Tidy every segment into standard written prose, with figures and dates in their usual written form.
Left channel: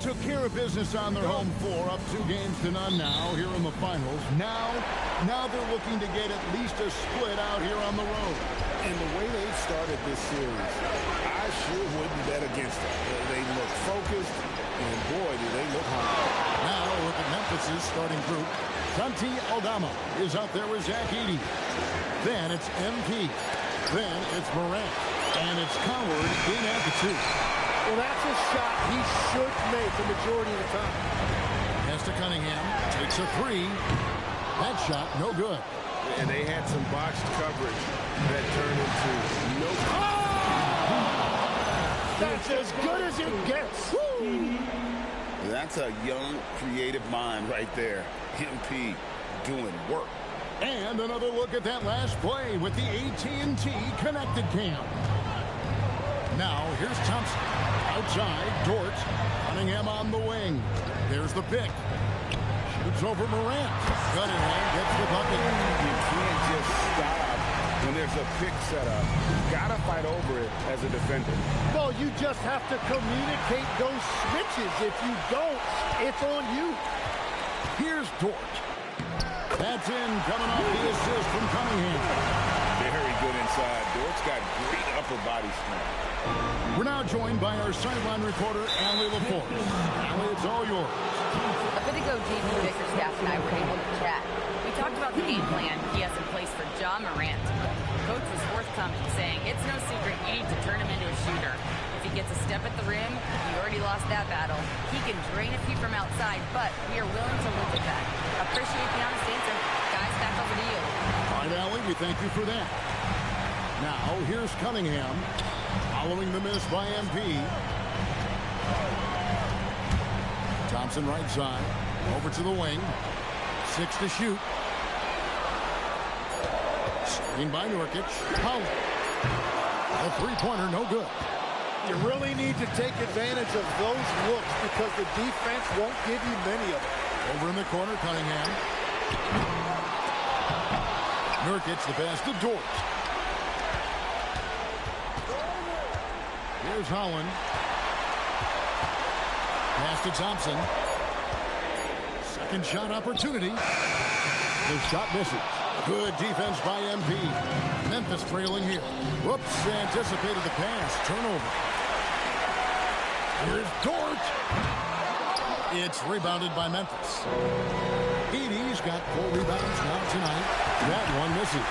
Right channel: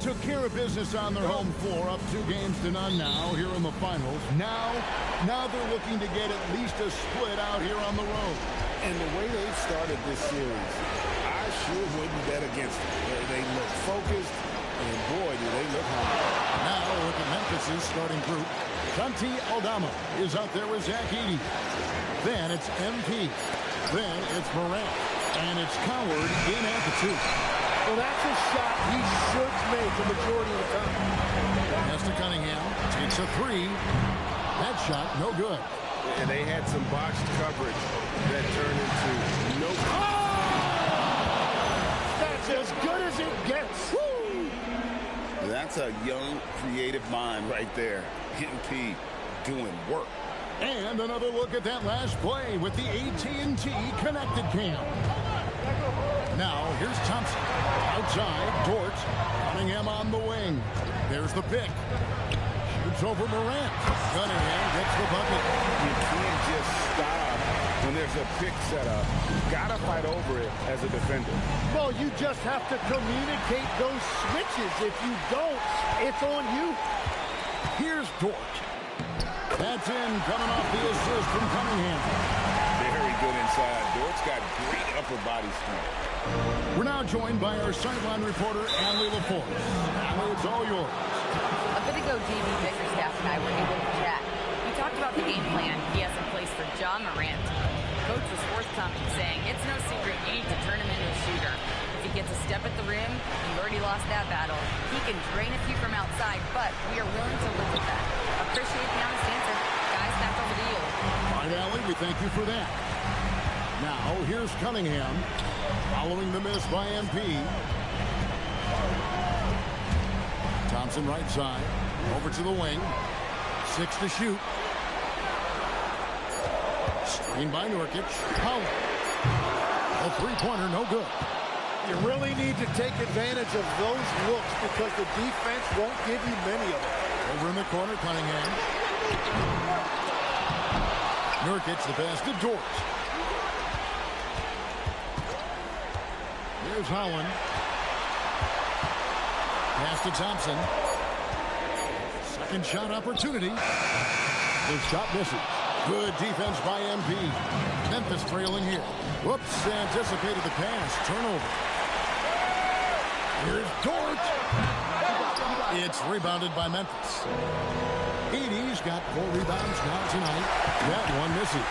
Took care of business on their home floor, up 2-0 now here in the finals. Now they're looking to get at least a split out here on the road. And the way they've started this series, I sure wouldn't bet against them. They look focused, and boy, do they look hungry. Now look at Memphis' starting group. Santi Aldama is out there with Zach Edey. Then it's MP. Then it's Morant. And it's Coward in at the 2. Well, that's a shot he should make the majority of the time. Pass to Cunningham. Takes a 3. That shot, no good. And they had some botched coverage that turned into no. Oh! That's as good as it gets. Woo! That's a young, creative mind right there. MP doing work. And another look at that last play with the AT&T connected cam. Now, here's Thompson. Outside, Dort. Cunningham on the wing. There's the pick. Shoots over Morant. Cunningham gets the bucket. You can't just stop when there's a pick set up. You've got to fight over it as a defender. Well, you just have to communicate those switches. If you don't, it's on you. Here's Dort. That's in, coming off the assist from Cunningham. Very good inside. Dort's got great upper body strength. We're now joined by our sideline reporter, Allie LaForce. Allie, it's all yours. A bit ago, JB Bickerstaff and I were able to chat. We talked about the game plan he has in place for Ja Morant. Coach was forthcoming, saying it's no secret you need to turn him into a shooter. If he gets a step at the rim, you already lost that battle. He can drain a few from outside, but we are willing to live with that. Appreciate the honest answer. Guys, back over to you. All right, Allie, we thank you for that. Now, here's Cunningham. Following the miss by MP. Thompson right side. Over to the wing. 6 to shoot. Screen by Nurkic. Powell. A three-pointer, no good. You really need to take advantage of those looks because the defense won't give you many of them. Over in the corner, Cunningham. Nurkic, the pass to Dort. Here's Holland. Pass to Thompson. Second shot opportunity. The shot misses. Good defense by MP. Memphis trailing here. Whoops, anticipated the pass. Turnover. Here's Dort. It's rebounded by Memphis. Edey's got 4 rebounds now tonight. That one misses.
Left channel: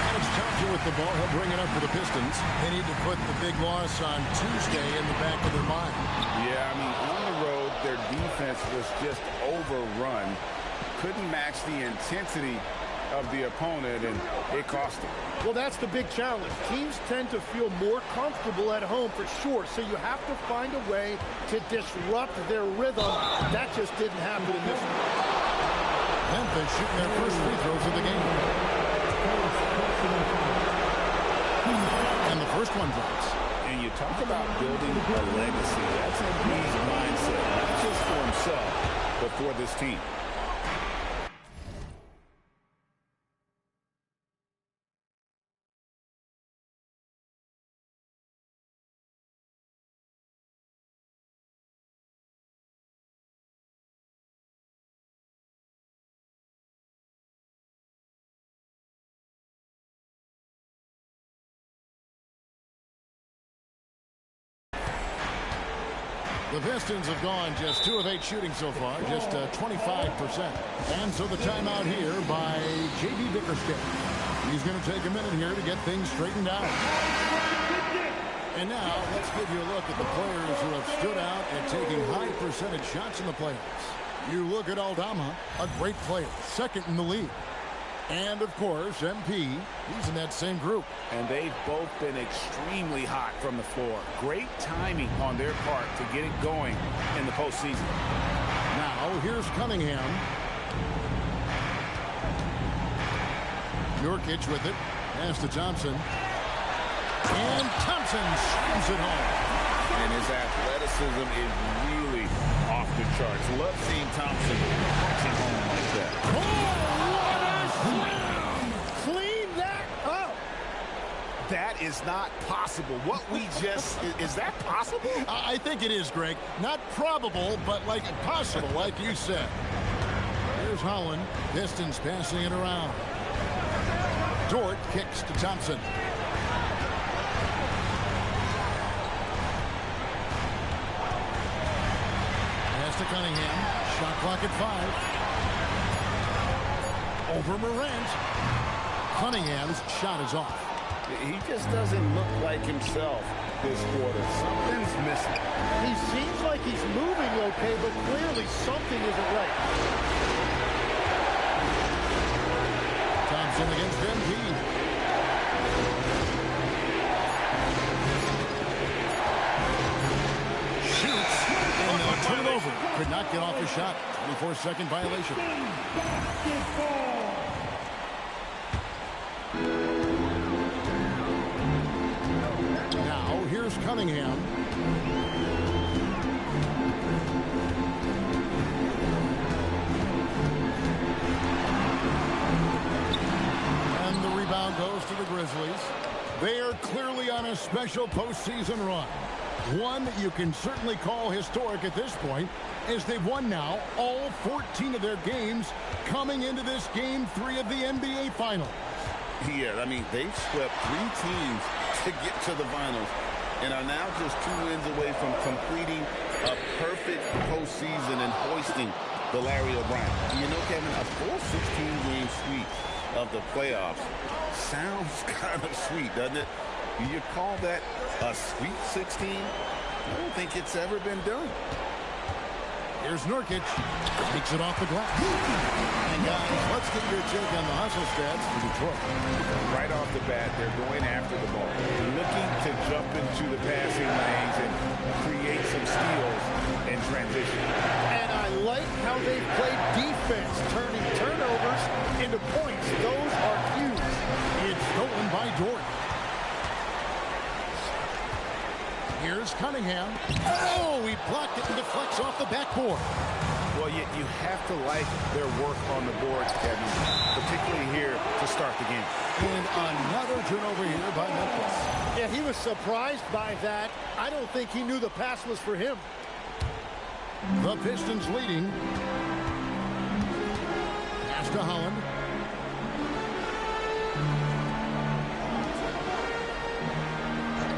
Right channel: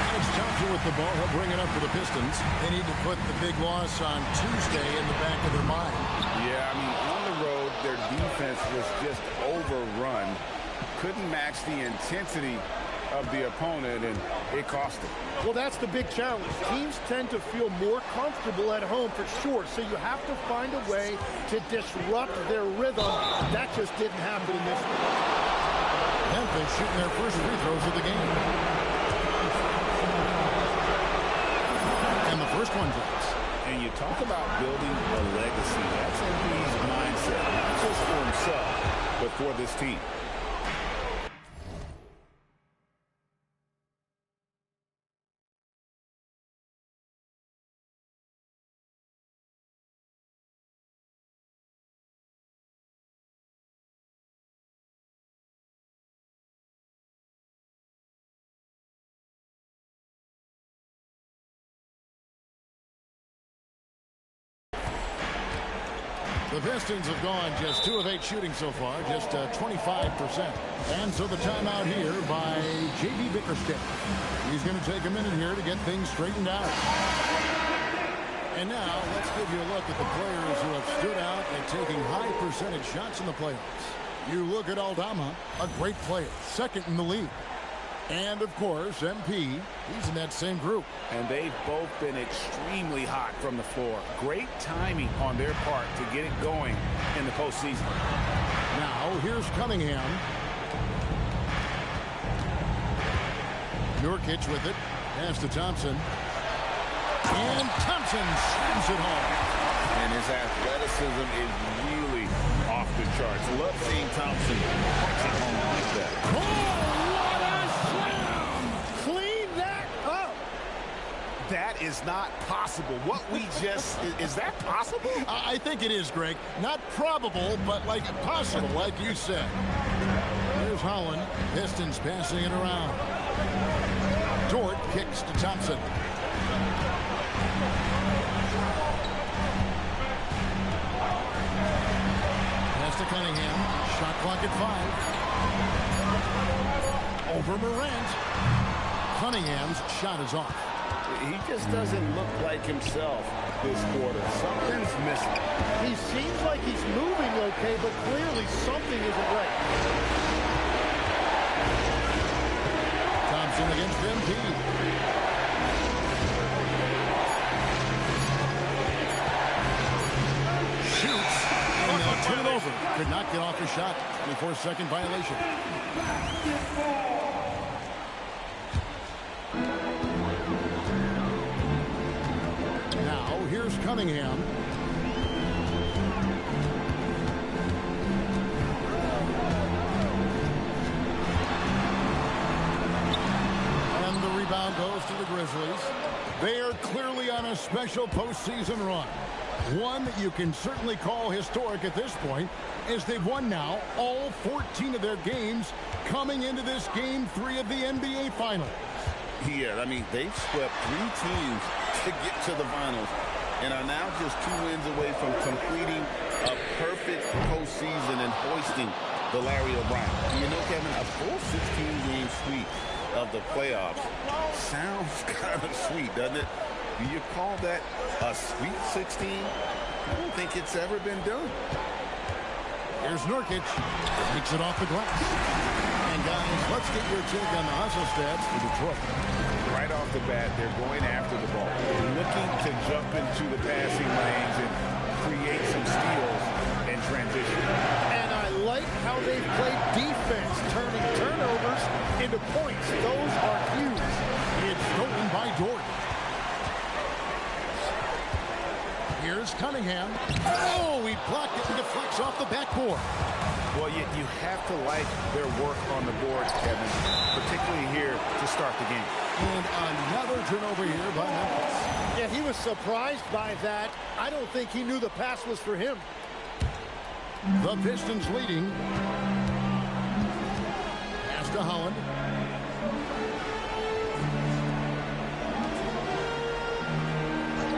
And it's Thompson with the ball. He'll bring it up for the Pistons. They need to put the big loss on Tuesday in the back of their mind. Yeah, I mean, on the road, their defense was just overrun. Couldn't match the intensity of the opponent, and it cost them. Well, that's the big challenge. Teams tend to feel more comfortable at home for sure, so you have to find a way to disrupt their rhythm. That just didn't happen in this one. Memphis shooting their first free throws of the game. And the first one drops. And you talk about building a legacy. That's MP's mindset, not just for himself, but for this team. The Pistons have gone just 2 of 8 shooting so far, just 25%. And so the timeout here by J.B. Bickerstaff. He's going to take a minute here to get things straightened out. And now let's give you a look at the players who have stood out at taking high percentage shots in the playoffs. You look at Aldama, a great player, second in the league. And, of course, MP, he's in that same group. And they've both been extremely hot from the floor. Great timing on their part to get it going in the postseason. Now, here's Cunningham. Nurkic with it. Pass to Thompson. And Thompson slams it home. And his athleticism is really off the charts. Love seeing Thompson punching home like that. Oh, what a slam! Clean that up! That is not possible. What we just, is that possible? I think it is, Greg. Not probable, but like possible, like you said. Here's Holland. Pistons passing it around. Dort kicks to Thompson. Pass to Cunningham. Shot clock at 5. Over Morant. Cunningham's shot is off. He just doesn't look like himself this quarter. Something's missing. He seems like he's moving okay, but clearly something isn't right. Thompson against Embiid. Shoots, and they'll turn it over. Could not get off his shot. 24-second violation. Now, here's Cunningham. And the rebound goes to the Grizzlies. They are clearly on a special postseason run. One that you can certainly call historic at this point, as they've won now all 14 of their games coming into this Game 3 of the NBA Finals. Yeah, I mean, they've swept 3 teams to get to the finals and are now just 2 wins away from completing a perfect postseason and hoisting the Larry O'Brien. You know, Kevin, a full 16-game sweep of the playoffs sounds kind of sweet, doesn't it? Do you call that a Sweet 16? I don't think it's ever been done. Here's Nurkic. Takes it off the glass. And guys, let's get your take on the hustle stats for Detroit. Right off the bat, they're going after the ball, looking to jump into the passing lanes and create some steals and transition. And I like how they've played defense, turning turnovers into points. Those are huge. It's stolen by Dort. Here's Cunningham. Oh, he blocked it and deflects off the backboard. Well, you have to like their work on the boards, Kevin, particularly here to start the game. And another turnover here by Memphis. Yeah, he was surprised by that. I don't think he knew the pass was for him. The Pistons leading. Pass to Holland.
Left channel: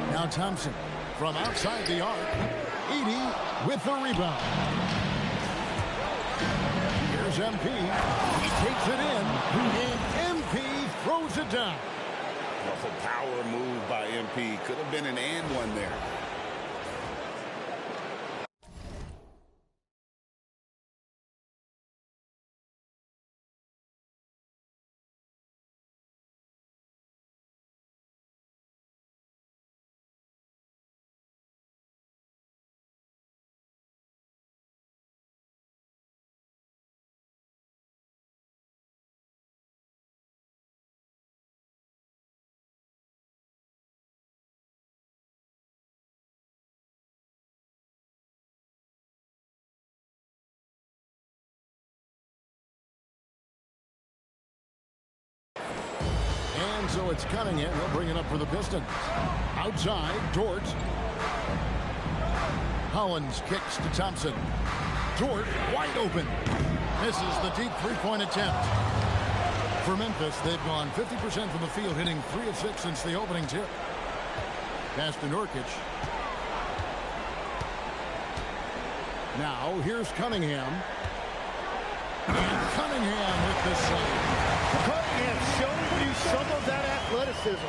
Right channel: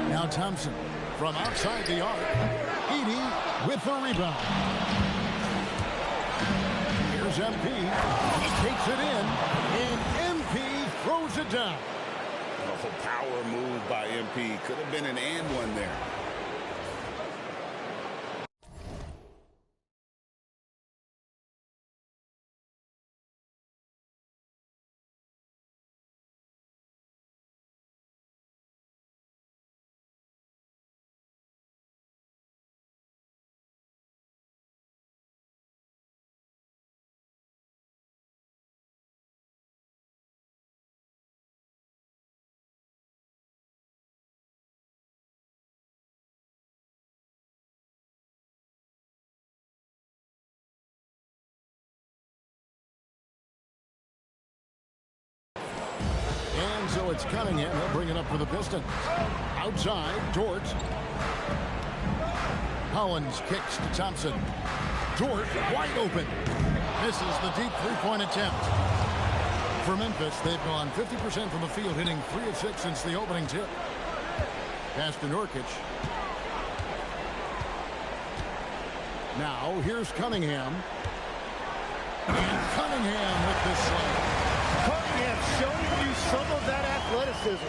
Now Thompson from outside the arc. Edey with the rebound. Here's MP. He takes it in, and MP throws it down. A power move by MP. Could have been an and one there. And so it's Cunningham. He'll bring it up for the Pistons. Outside, Dort. Hollins kicks to Thompson. Dort wide open. Misses the deep three-point attempt. For Memphis, they've gone 50% from the field, hitting 3 of 6 since the opening tip. Pass to Nurkic. Now, here's Cunningham. And Cunningham with the slam. Cunningham showing you some of that athleticism.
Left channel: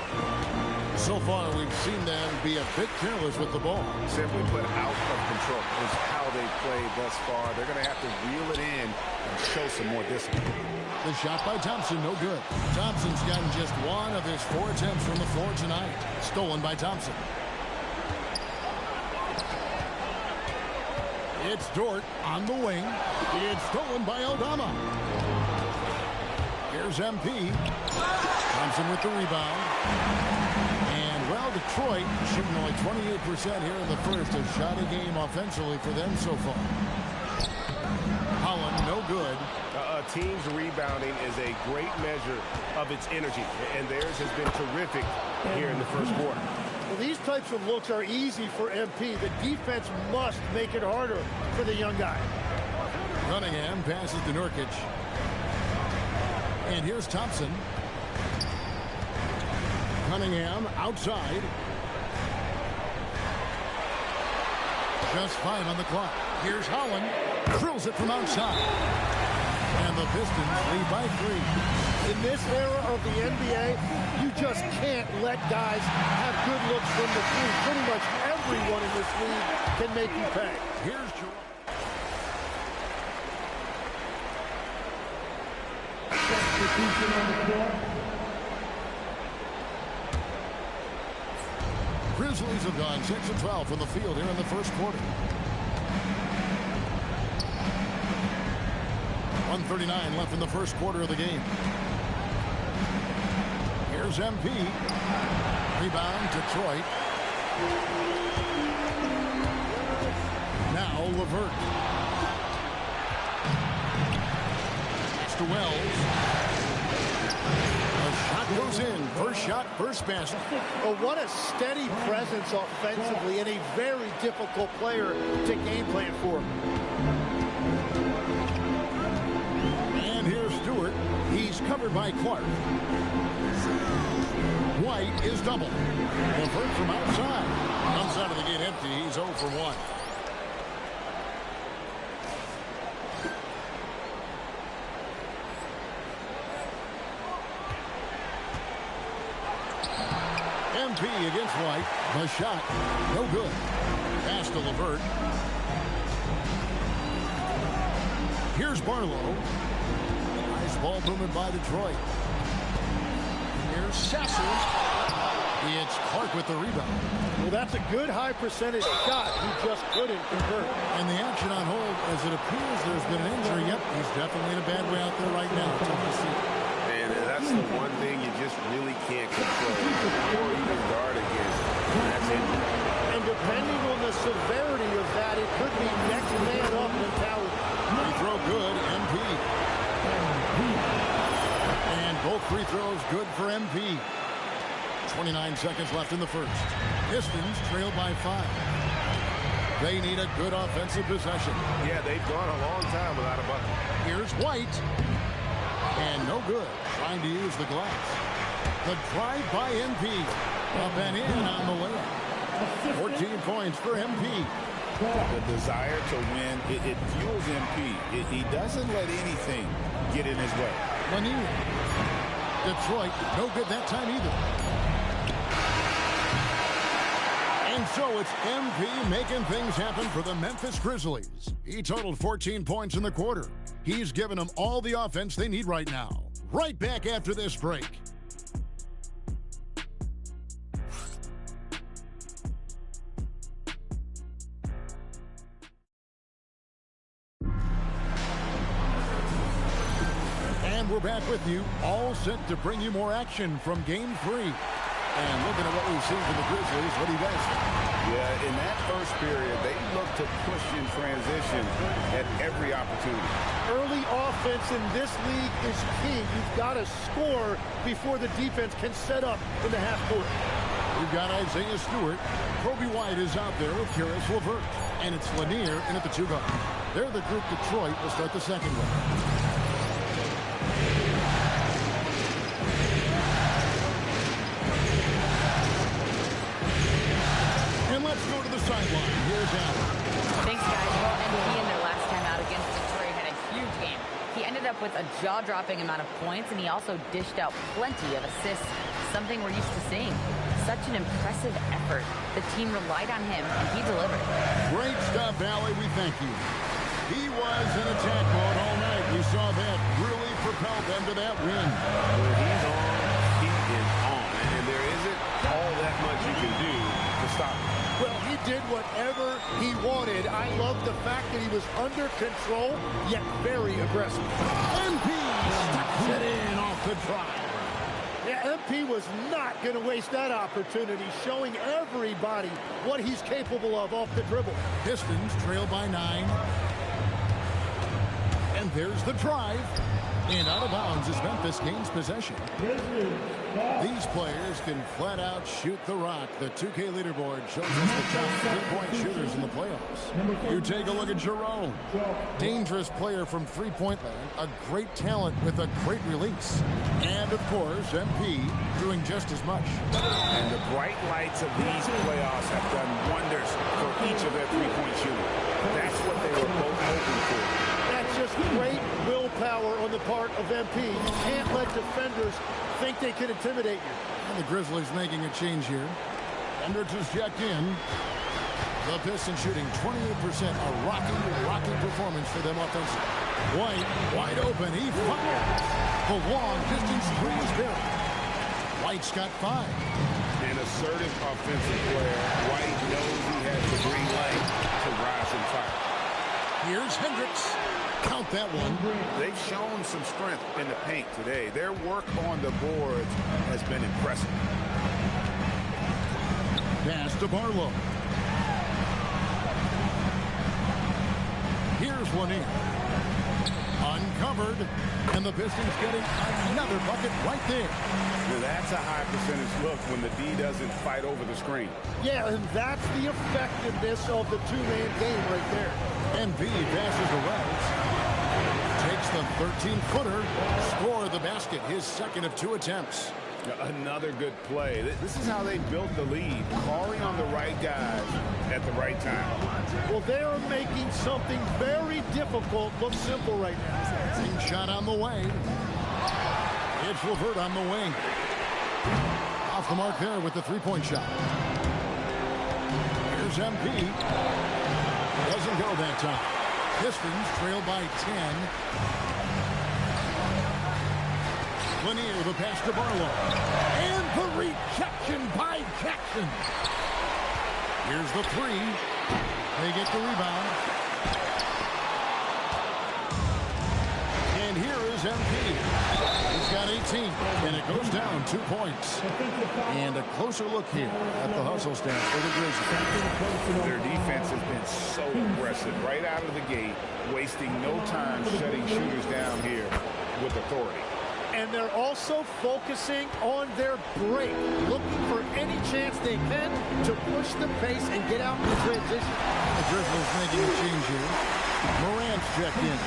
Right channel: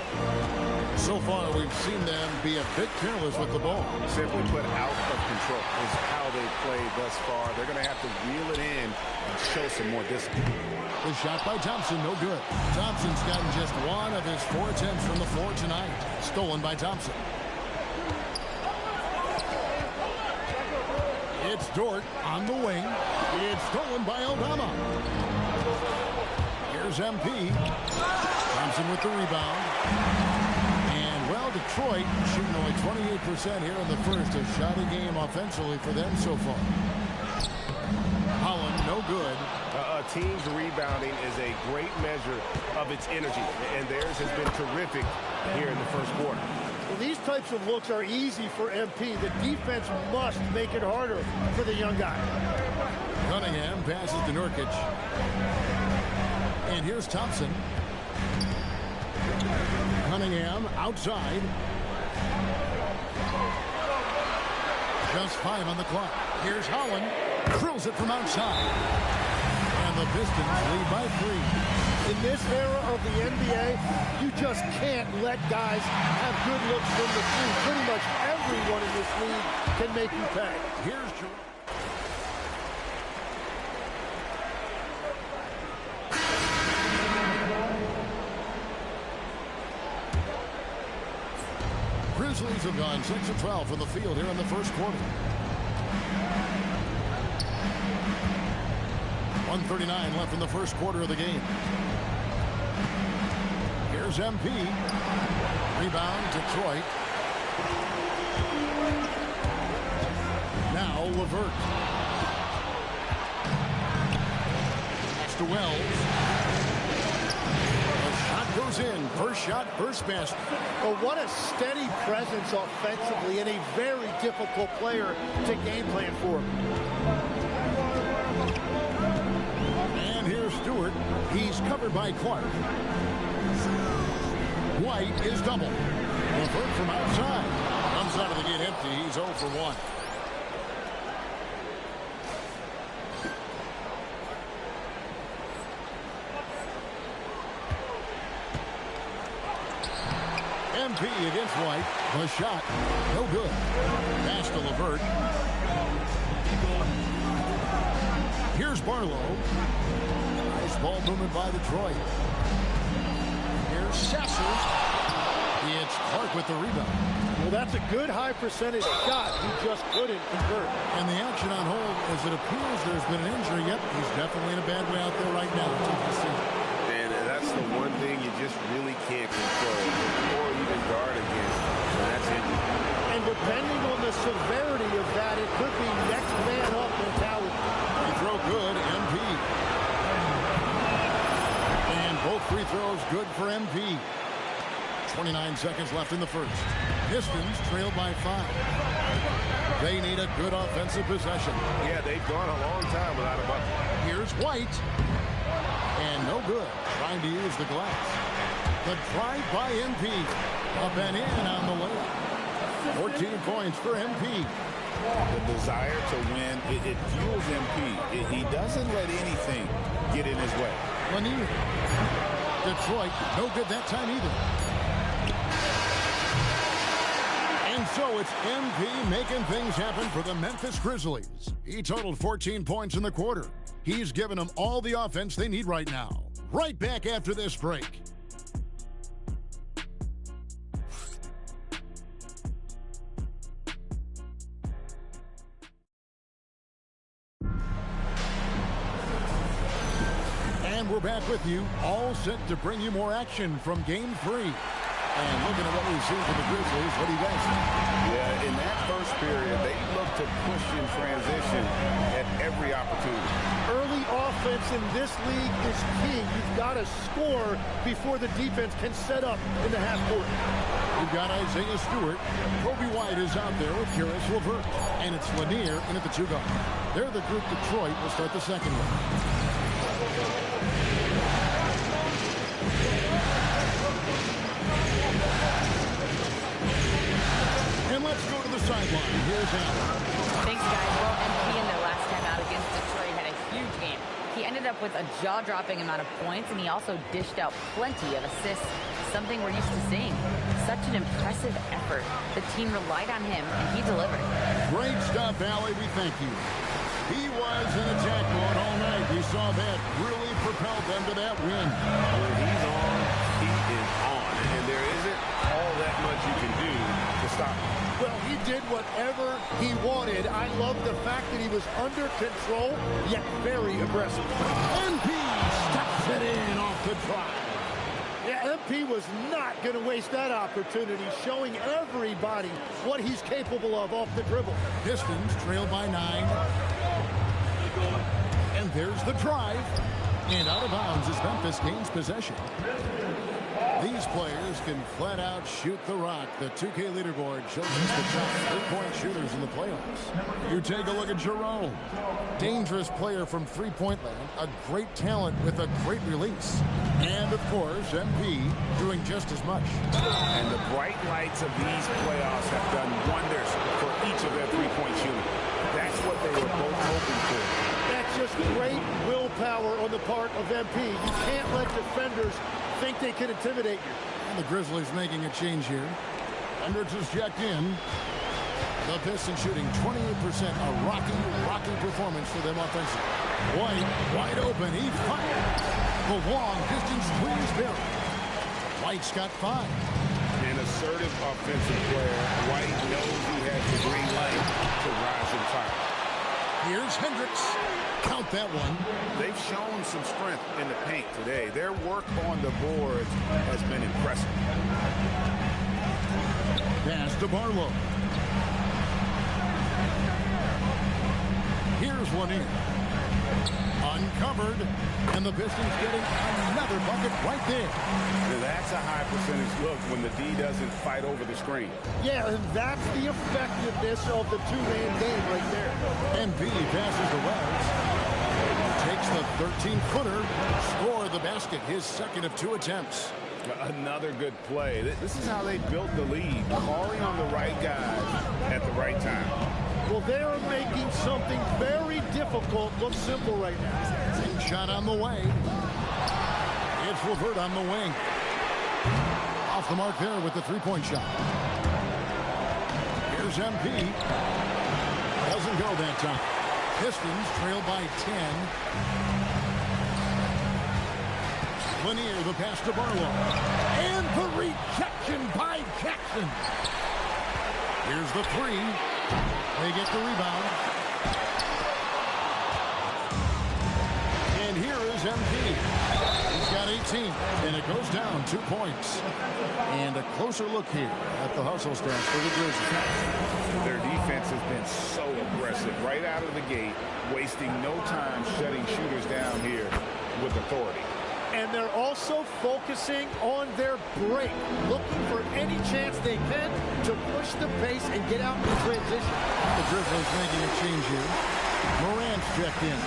So far, we've seen them be a bit careless with the ball. Simply put, out of control is how they played thus far. They're going to have to reel it in and show some more discipline. The shot by Thompson, no good. Thompson's gotten just 1 of his 4 attempts from the floor tonight. Stolen by Thompson. It's Dort on the wing. It's stolen by Aldama. Here's MP. Thompson with the rebound. And, well, Detroit shooting only 28% here in the first. A shoddy game offensively for them so far. Holland, no good. A team's rebounding is a great measure of its energy, and theirs has been terrific here in the first quarter. Well, these types of looks are easy for MP. The defense must make it harder for the young guy. Cunningham passes to Nurkic. And here's Thompson. Cunningham outside. Just 5 on the clock. Here's Holland. Drills it from outside. And the Pistons lead by 3. In this era of the NBA, you just can't let guys have good looks from the three. Pretty much everyone in this league can make you pay. Here's Jerome. Grizzlies have gone 6 of 12 from the field here in the first quarter. 1:39 left in the first quarter of the game. Here's MP. Rebound, Detroit. Now LeVert. Pass to Wells. The shot goes in. First shot, first basket. Well, what a steady presence offensively and a very difficult player to game plan for. And here's Stewart. He's covered by Clark. White is double. LeVert from outside. Comes out of the gate empty. He's 0 for 1. MP against White. The shot. No good. Pass to LeVert. Here's Barlow. Nice ball movement by Detroit. Here's Sasser. It's Clark with the rebound. Well, that's a good high percentage shot. He just couldn't convert. And the action on hold, as it appears there's been an injury. Yep, he's definitely in a bad way out there right now. Tough to see. And that's the one thing you just really can't control or even guard against, and that's injury. And depending on the severity of that, it could be next man up mentality. Free throw good, MP. And both free throws good for MP. 29 seconds left in the first. Pistons trail by 5. They need a good offensive possession. Yeah, they've gone a long time without a bucket. Here's White. And no good. Trying to use the glass. The drive by MP. Up and in on the layup. 14 points for MP. The desire to win, it fuels MP. He doesn't let anything get in his way. Lanier. Detroit, no good that time either. And so it's MP making things happen for the Memphis Grizzlies. He totaled 14 points in the quarter. He's given them all the offense they need right now. Right back after this break. And we're back with you, all set to bring you more action from Game 3. And looking at what we've seen from the Grizzlies, what do you guys think? Yeah, in that first period, they looked to push in transition at every opportunity. Early offense in this league is key. You've got to score before the defense can set up in the half court. We've got Isaiah Stewart. Kobe White is out there with Karis LeVert. And it's Lanier in at the 2 guard. They're the group Detroit will start the second with. And let's go to the sideline. Here's Allen. Thanks, guys. Well, MP in their last time out against Detroit had a huge game. He ended up with a jaw-dropping amount of points, and he also dished out plenty of assists, something we're used to seeing. Such an impressive effort. The team relied on him, and he delivered. Great stuff, Allie. We thank you. He was in attack mode all night. We saw that really propelled them to that win. When he's on, he is on. And there isn't all that much you can do to stop him. Well, he did whatever he wanted. I love the fact that he was under control, yet very aggressive. MP stuffs it in off the drive. Yeah, MP was not going to waste that opportunity, showing everybody what he's capable of off the dribble. Pistons trail by 9. And there's the drive. And out of bounds as Memphis gains possession. These players can flat out shoot the rock. The 2K leaderboard shows us the top three-point shooters in the playoffs. You take a look at Jerome. Dangerous player from three-point land. A great talent with a great release. And, of course, MP doing just as much. And the bright lights of these playoffs have done wonders for each of their three-point shooting. That's what they were both hoping for. That's just great willpower on the part of MP. You can't let defenders think they can intimidate you. And the Grizzlies making a change here. Hendricks is checked in. The Pistons shooting 28%. A rocky performance for them offensively. White, wide open. He fired. The long distance three is buried. White's got 5. An assertive offensive player. White knows he has the green light to rise and fire. Here's Hendricks. Count that one. They've shown some strength in the paint today. Their work on the boards has been impressive. Pass to Barlow. Here's one in. Uncovered. And the Pistons getting another bucket right there. Now that's a high percentage look when the D doesn't fight over the screen. Yeah, and that's the effectiveness of the two-man game right there. MP passes to Wells. Takes the 13-footer. Score the basket. His second of 2 attempts. Another good play. This is how they built the lead. Calling on the right guys at the right time. Well, they're making something very difficult look simple right now. Same shot on the way. It's Levert on the wing. Off the mark there with the three-point shot. Here's MP. Doesn't go that time. Pistons trail by 10. Lanier, the pass to Barlow. And the rejection by Jackson. Here's the 3. They get the rebound. And here is MP. He's got 18, and it goes down 2 points. And a closer look here at the hustle stats for the Grizzlies. Their defense has been so aggressive right out of the gate, wasting no time shutting shooters down here with authority. And they're also focusing on their break, looking for any chance they can to push the pace and get out in transition. The Grizzlies making a change here. Morant's checked in.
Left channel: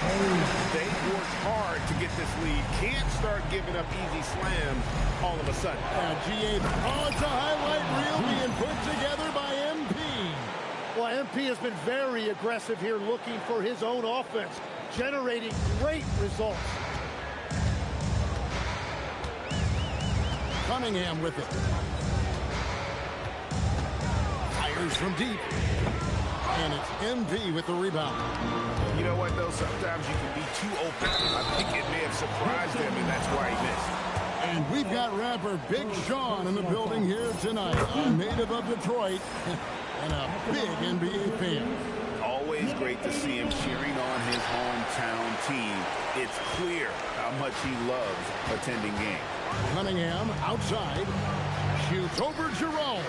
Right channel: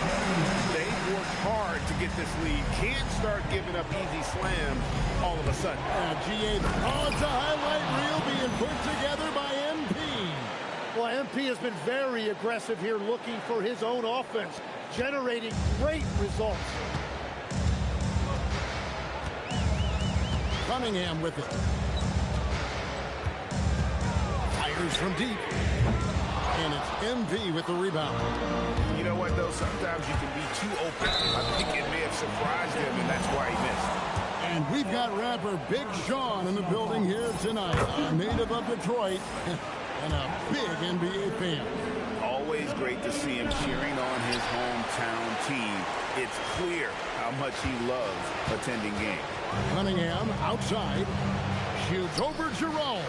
They've worked hard to get this lead. Can't start giving up easy slams all of a sudden. GA. Oh, it's a highlight reel being put together by MP. Well, MP has been very aggressive here, looking for his own offense, generating great results. Cunningham with it. Fires from deep. And it's MV with the rebound. You know what, though? Sometimes you can be too open. I think it may have surprised him, and that's why he missed. And we've got rapper Big Sean in the building here tonight. A native of Detroit and a big NBA fan. Always great to see him cheering on his hometown team. It's clear how much he loves attending games. Cunningham outside. Shoots over Jerome.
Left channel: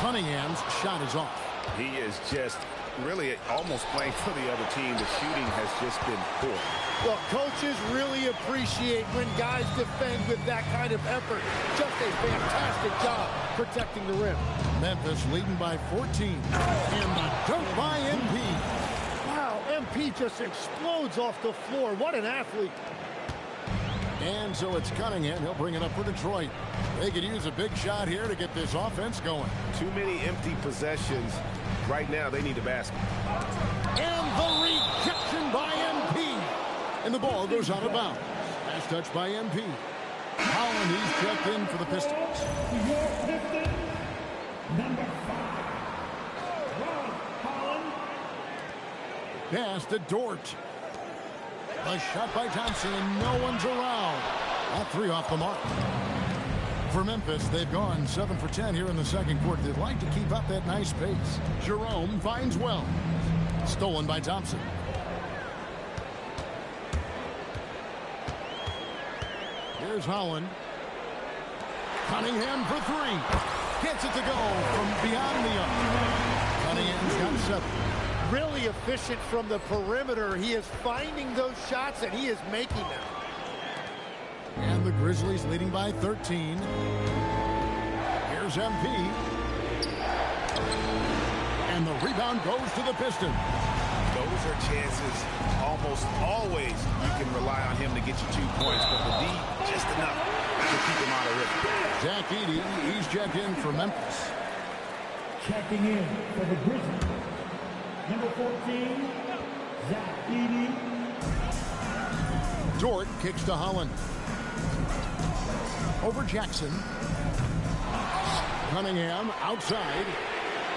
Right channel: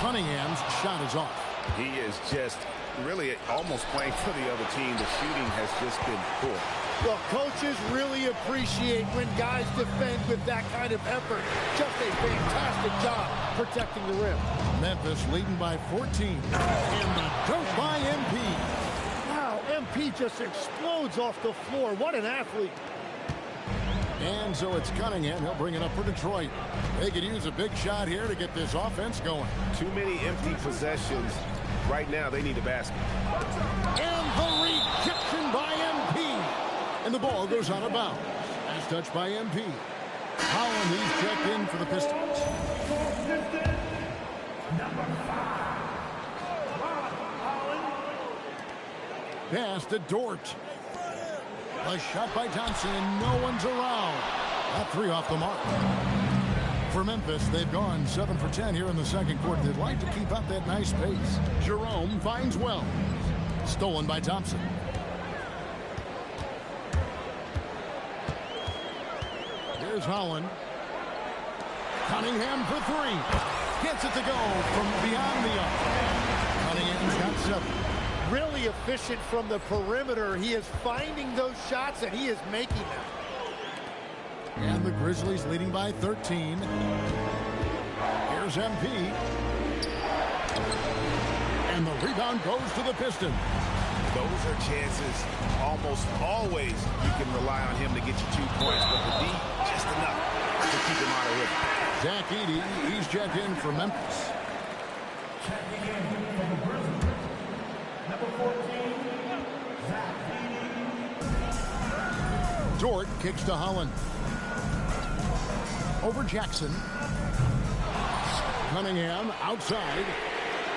Cunningham's shot is off. He is just really almost playing for the other team. The shooting has just been poor. Well, coaches really appreciate when guys defend with that kind of effort. Just a fantastic job protecting the rim. Memphis leading by 14. And the dunk by MP. Wow, MP just explodes off the floor. What an athlete. And so it's Cunningham. He'll bring it up for Detroit. They could use a big shot here to get this offense going. Too many empty possessions. Right now, they need a basket. And the rejection by MP. And the ball goes out of bounds. Last touch by MP. Holland, he's checked in for the Pistons. Number 5. Holland. Pass to Dort. A shot by Thompson, and no one's around. That 3 off the mark. For Memphis, they've gone 7 for 10 here in the second quarter. They'd like to keep up that nice pace. Jerome finds Wells. Stolen by Thompson. Here's Holland. Cunningham for 3. Gets it to go from beyond the arc. Cunningham's got 7. really efficient from the perimeter. He is finding those shots, and he is making them. And the Grizzlies leading by 13. Here's MP. And the rebound goes to the Pistons. Those are chances almost always you can rely on him to get you 2 points, but the D just enough to keep him out of rhythm. Zach Edey, he's checked in for Memphis. Checking in for the Grizzlies, number 14, Zach Edey. Dort kicks to Holland. Over Jackson. Cunningham outside.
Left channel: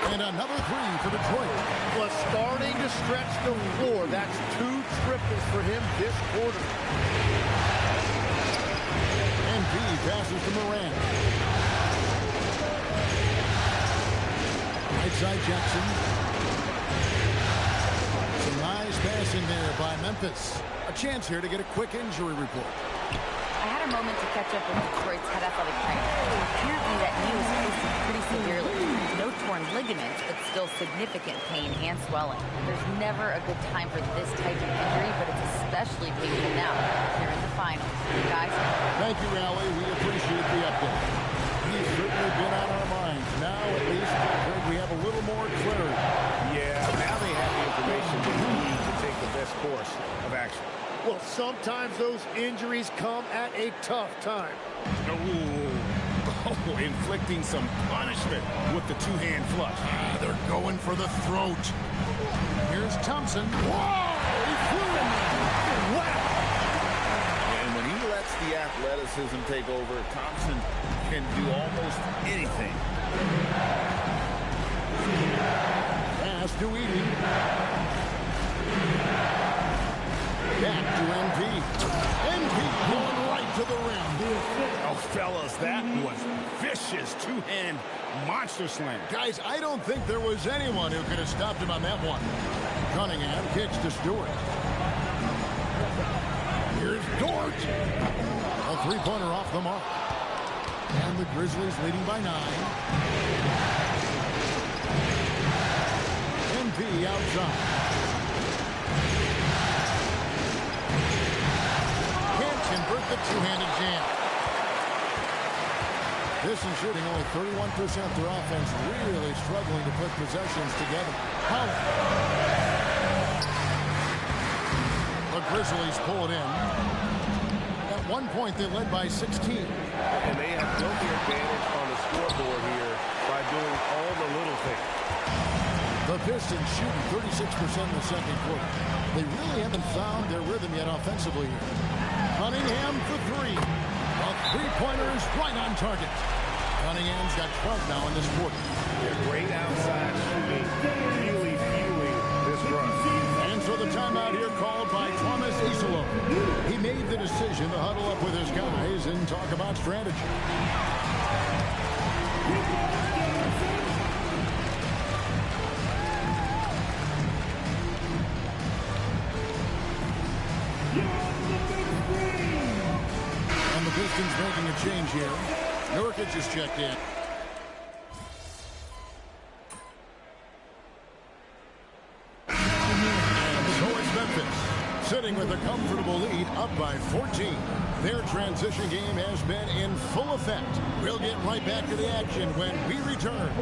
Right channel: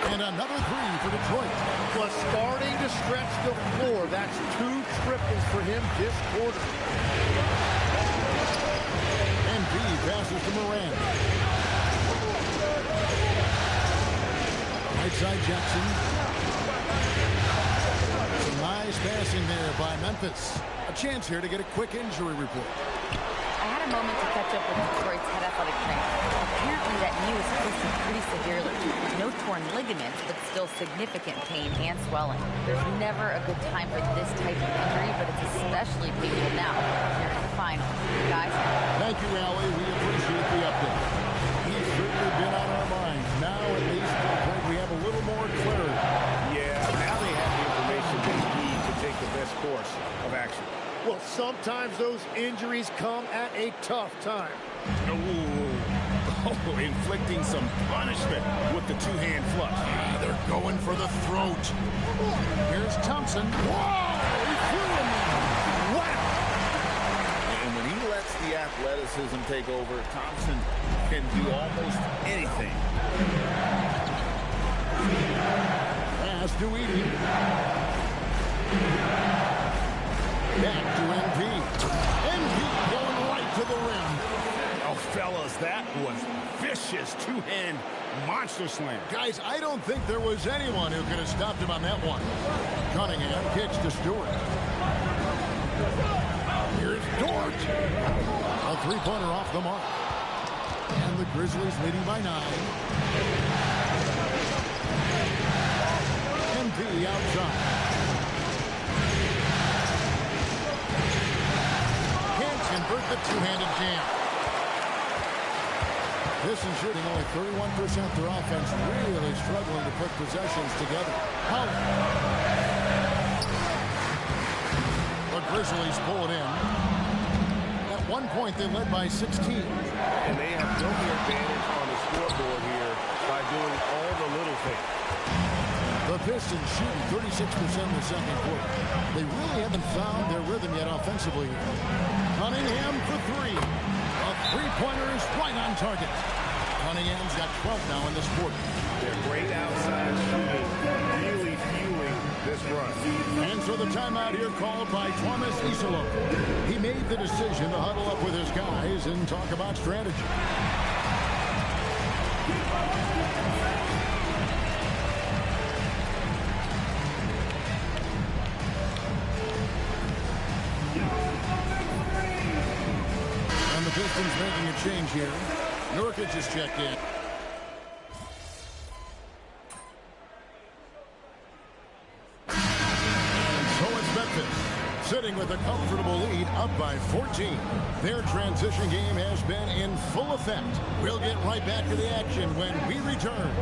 And another three for Detroit. Was starting to stretch the floor. That's 2 triples for him this quarter. MP passes to Morant. Right side Jackson. Some nice passing there by Memphis. A chance here to get a quick injury report. I had a moment to catch up with Detroit's head athletic trainer. Apparently that knee was twisted pretty severely. No torn ligaments, but still significant pain and swelling. There's never a good time for this type of injury, but it's especially painful now, here in the finals. Guys? Thank you, Allie. We appreciate the update. He's certainly been on our minds. Now, at least, we have a little more clarity. Yeah, now they have the information they need to take the best course of action. Well, sometimes those injuries come at a tough time. Oh, inflicting some punishment with the 2-hand flush. They're going for the throat. Here's Thompson. Whoa! He flew in there. Wow! And when he lets the athleticism take over, Thompson can do almost anything. Pass to Edey. Back to MP. MP going right to the rim. Oh, fellas, that was vicious 2-hand monster slam. Guys, I don't think there was anyone who could have stopped him on that one. Cunningham kicks to Stewart. Here's Dort. A three-pointer off the mark. And the Grizzlies leading by 9. MP outside. Can't convert the two-handed jam. Pistons shooting only 31%. Their offense really struggling to put possessions together. Holland. The Grizzlies pull it in. At one point, they led by 16. And they have built the advantage on the scoreboard here by doing all the little things. The Pistons shooting 36% in the second quarter. They really haven't found their rhythm yet offensively here. Cunningham for 3. A three-pointer is right on target. Cunningham's got 12 now in this quarter. They're great outside shooting, really fueling this run. And so the timeout here called by Thomas Isolo. He made the decision to huddle up with his guys and talk about strategy. And the Pistons making a change here. Nurkic is checked in. And so it's Memphis, sitting with a comfortable lead, up by 14. Their transition game has been in full effect. We'll get right back to the action when we return.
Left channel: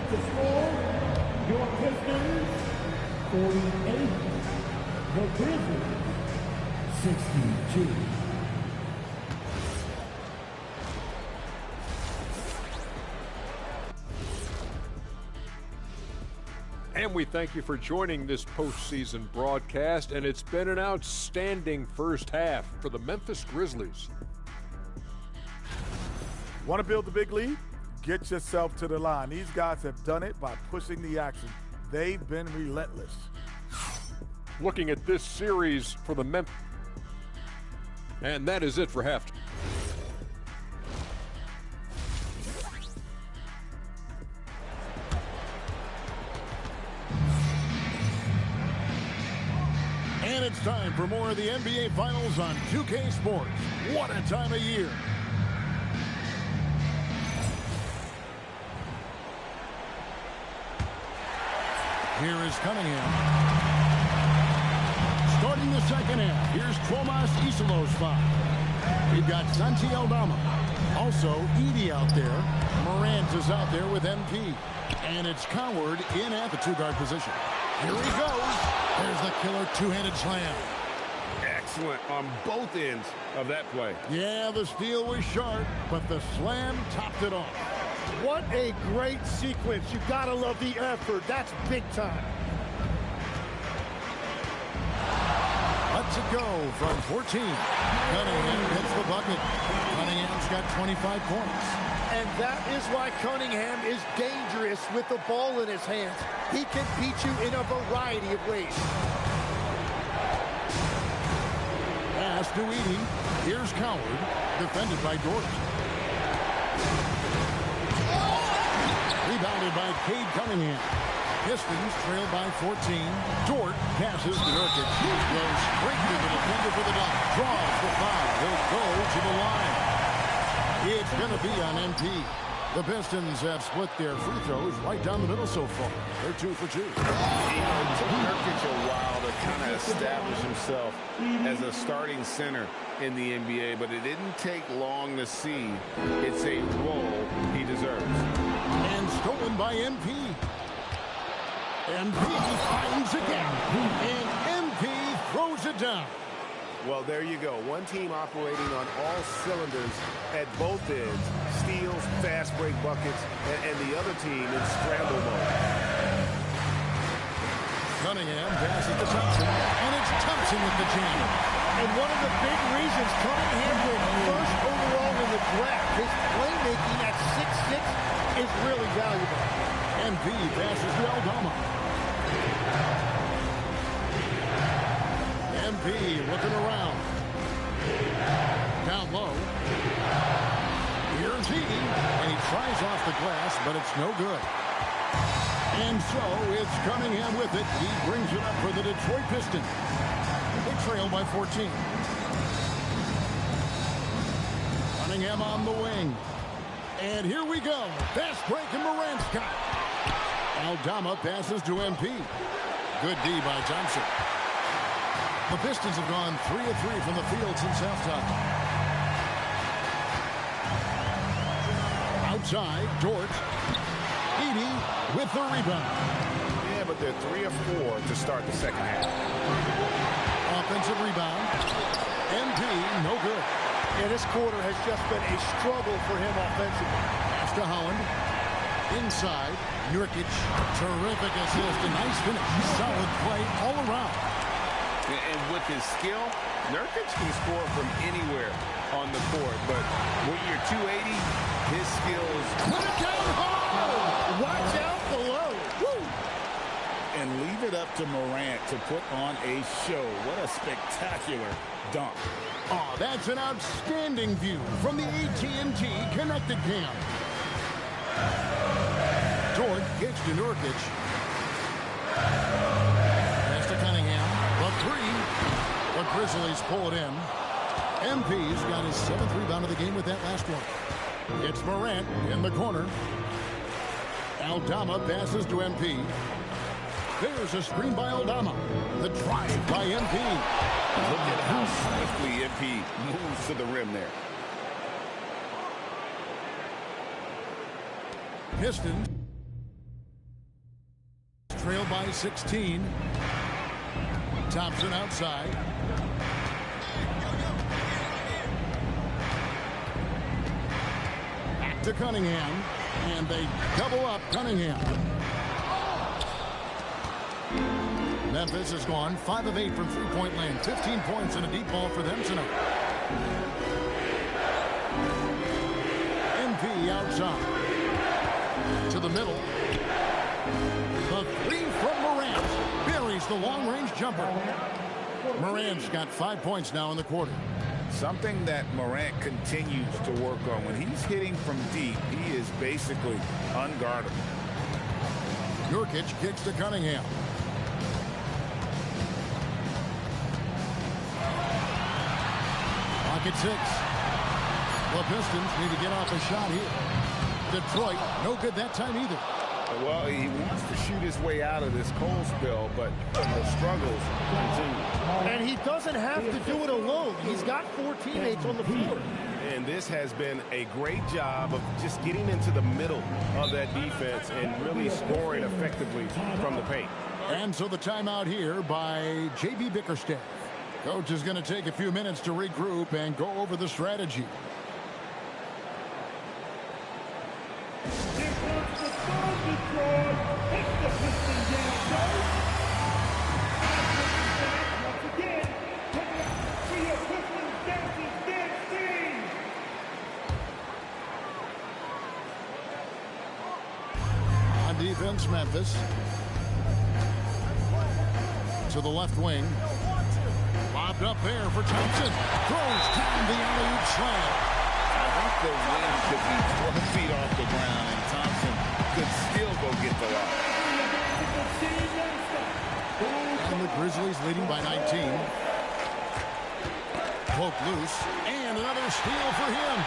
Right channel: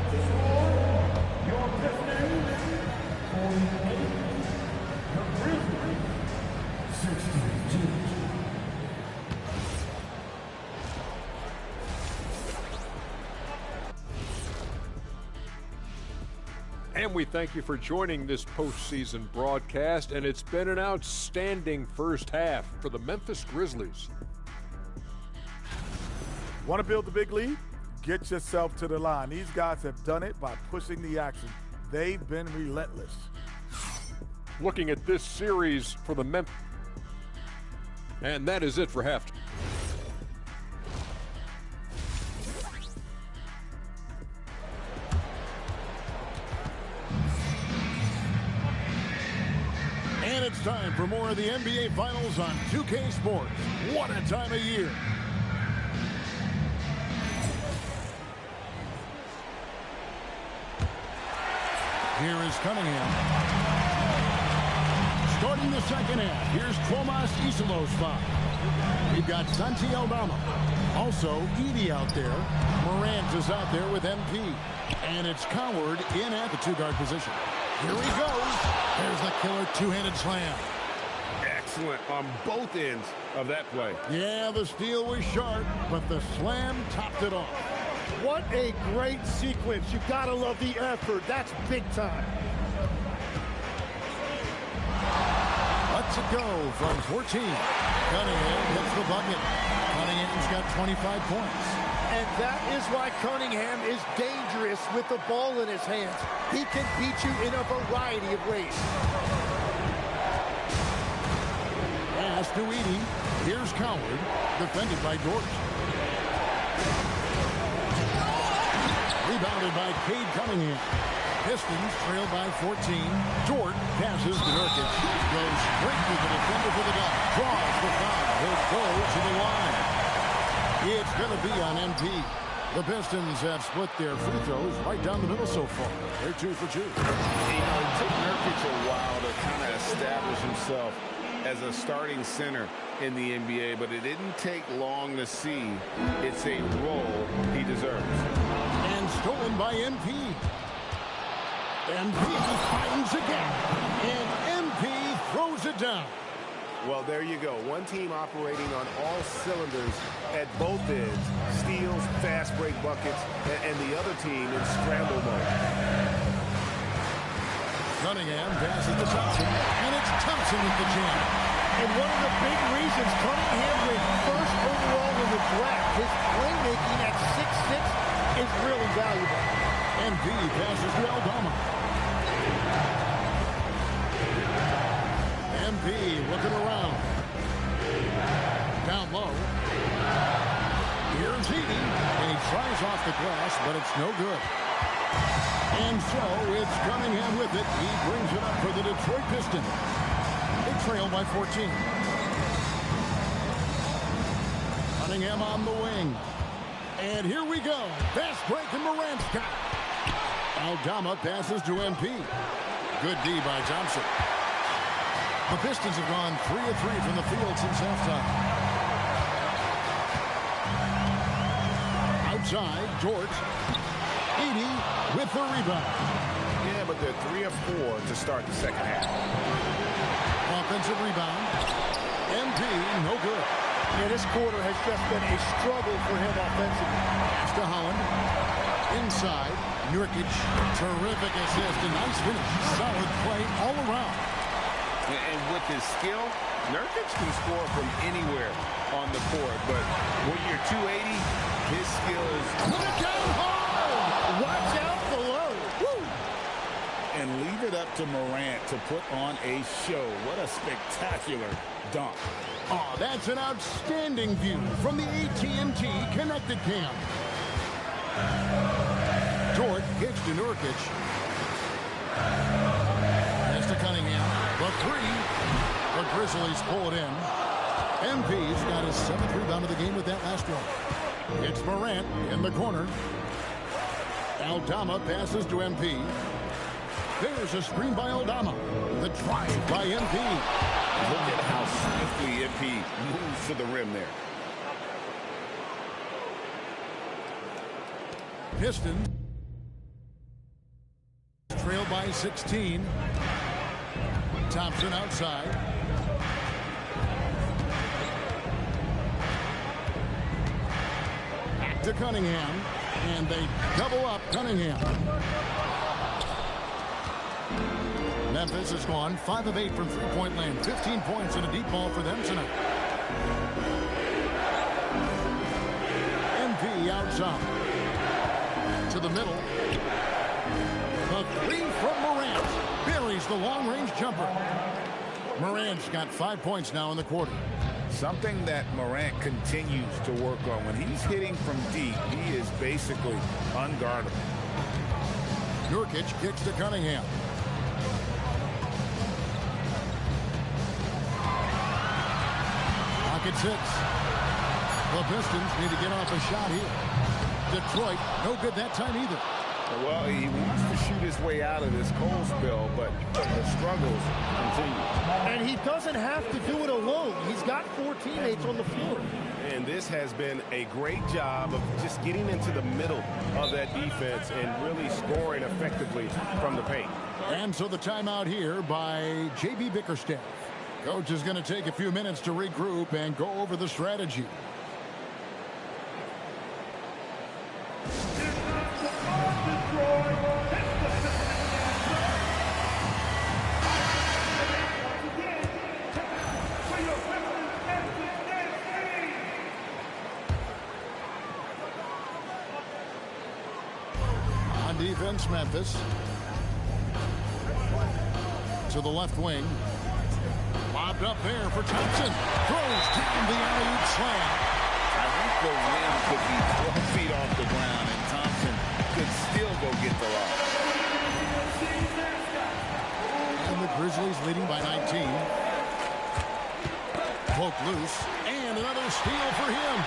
Your Pistons, 48. The Grizzlies, 62. And we thank you for joining this postseason broadcast, and it's been an outstanding first half for the Memphis Grizzlies. Want to build the big lead? Get yourself to the line. These guys have done it by pushing the action. They've been relentless. Looking at this series for the Memphis. And that is it for halftime. And it's time for more of the NBA Finals on 2K Sports. What a time of year. Here is Cunningham. Starting the second half, here's Tomas Isilow's foul. We've got Santi Aldama. Also, Edey out there. Morant is out there with MP. And it's Coward in at the two-guard position. Here he goes. There's the killer two-handed slam. Excellent on both ends of that play. Yeah, the steal was sharp, but the slam topped it off. What a great sequence. You gotta love the effort. That's big time. Let's it go from 14. Cunningham gets the bucket. Cunningham's got 25 points. And that is why Cunningham is dangerous with the ball in his hands. He can beat you in a variety of ways. Pass to Edey. Here's Coward, defended by Dort. Rebounded by Cade Cunningham. Pistons trail by 14. Dort passes to Nurkic. Goes straight to the defender for the dunk. Draws the foul. He'll go to the line. It's going to be on MP. The Pistons have split their free throws right down the middle so far. They're 2 for 2. You know, it took Nurkic a while to kind of establish himself as a starting center in the NBA, but it didn't take long to see it's a role he deserves. And stolen by MP. MP finds a gap. And MP throws it down. Well, there you go. One team operating on all cylinders at both ends. Steals, fast break buckets, and the other team in scramble mode. Cunningham passes to Thompson, and it's Thompson with the jam. And one of the big reasons Cunningham went first overall in the draft, his playmaking at 6'6" is really valuable. MP passes to Aldama. MP looking around. Down low. Here's Edey, and he tries off the glass, but it's no good. And so it's Cunningham with it. He brings it up for the Detroit Pistons. They trail by 14. Cunningham on the wing. And here we go. Fast break, and Morant's got it. Aldama passes to MP. Good D by Thompson. The Pistons have gone 3 of 3 from the field since halftime. Outside, Dort. Edey with the rebound. Yeah, but they're 3 of 4 to start the second half. Offensive rebound. MP, no good. Yeah, this quarter has just been a struggle for him offensively. Pass to Holland. Inside, Nurkic. Terrific assist. A nice finish. Solid play all around. And with his skill, Nurkic can score from anywhere on the court. But when you're 280, his skills... Put it down hard! Watch out below. Woo! And leave it up to Morant to put on a show. What a spectacular dunk. Oh, that's an outstanding view from the AT&T Connected Cam. Dort kicks to Nurkic. Pass to Cunningham. The three. The Grizzlies pull it in. MP's got his 7th rebound of the game with that last one. It's Morant in the corner. Aldama passes to MP. There's a screen by Aldama. The drive by MP. Look at how swiftly MP moves to the rim there. Pistons trail by 16. Thompson outside. Back to Cunningham. And they double up Cunningham. Memphis has gone 5 of 8 from three-point land. 15 points and a deep ball for them tonight. MP outside. To the middle. The three from Morant. Buries the long-range jumper. Morant's got 5 points now in the quarter. Something that Morant continues to work on. When he's hitting from deep, he is basically unguardable. Nurkic kicks to Cunningham. Pocket 6. The Pistons need to get off a shot here. Detroit, no good that time either. Well, he wants to shoot his way out of this cold spell, but the struggles continue. And he doesn't have to do it alone. He's got 4 teammates on the floor. And this has been a great job of just getting into the middle of that defense and really scoring effectively from the paint. And so the timeout here by J.B. Bickerstaff. Coach is going to take a few minutes to regroup and go over the strategy. On defense, Memphis. To the left wing. Lobbed up there for Thompson. Throws down the alley-oop slam. I think the rim could be 12 feet off the ground, and Thompson could still go get the lob. And the Grizzlies leading by 19. Poked loose. And another steal for him.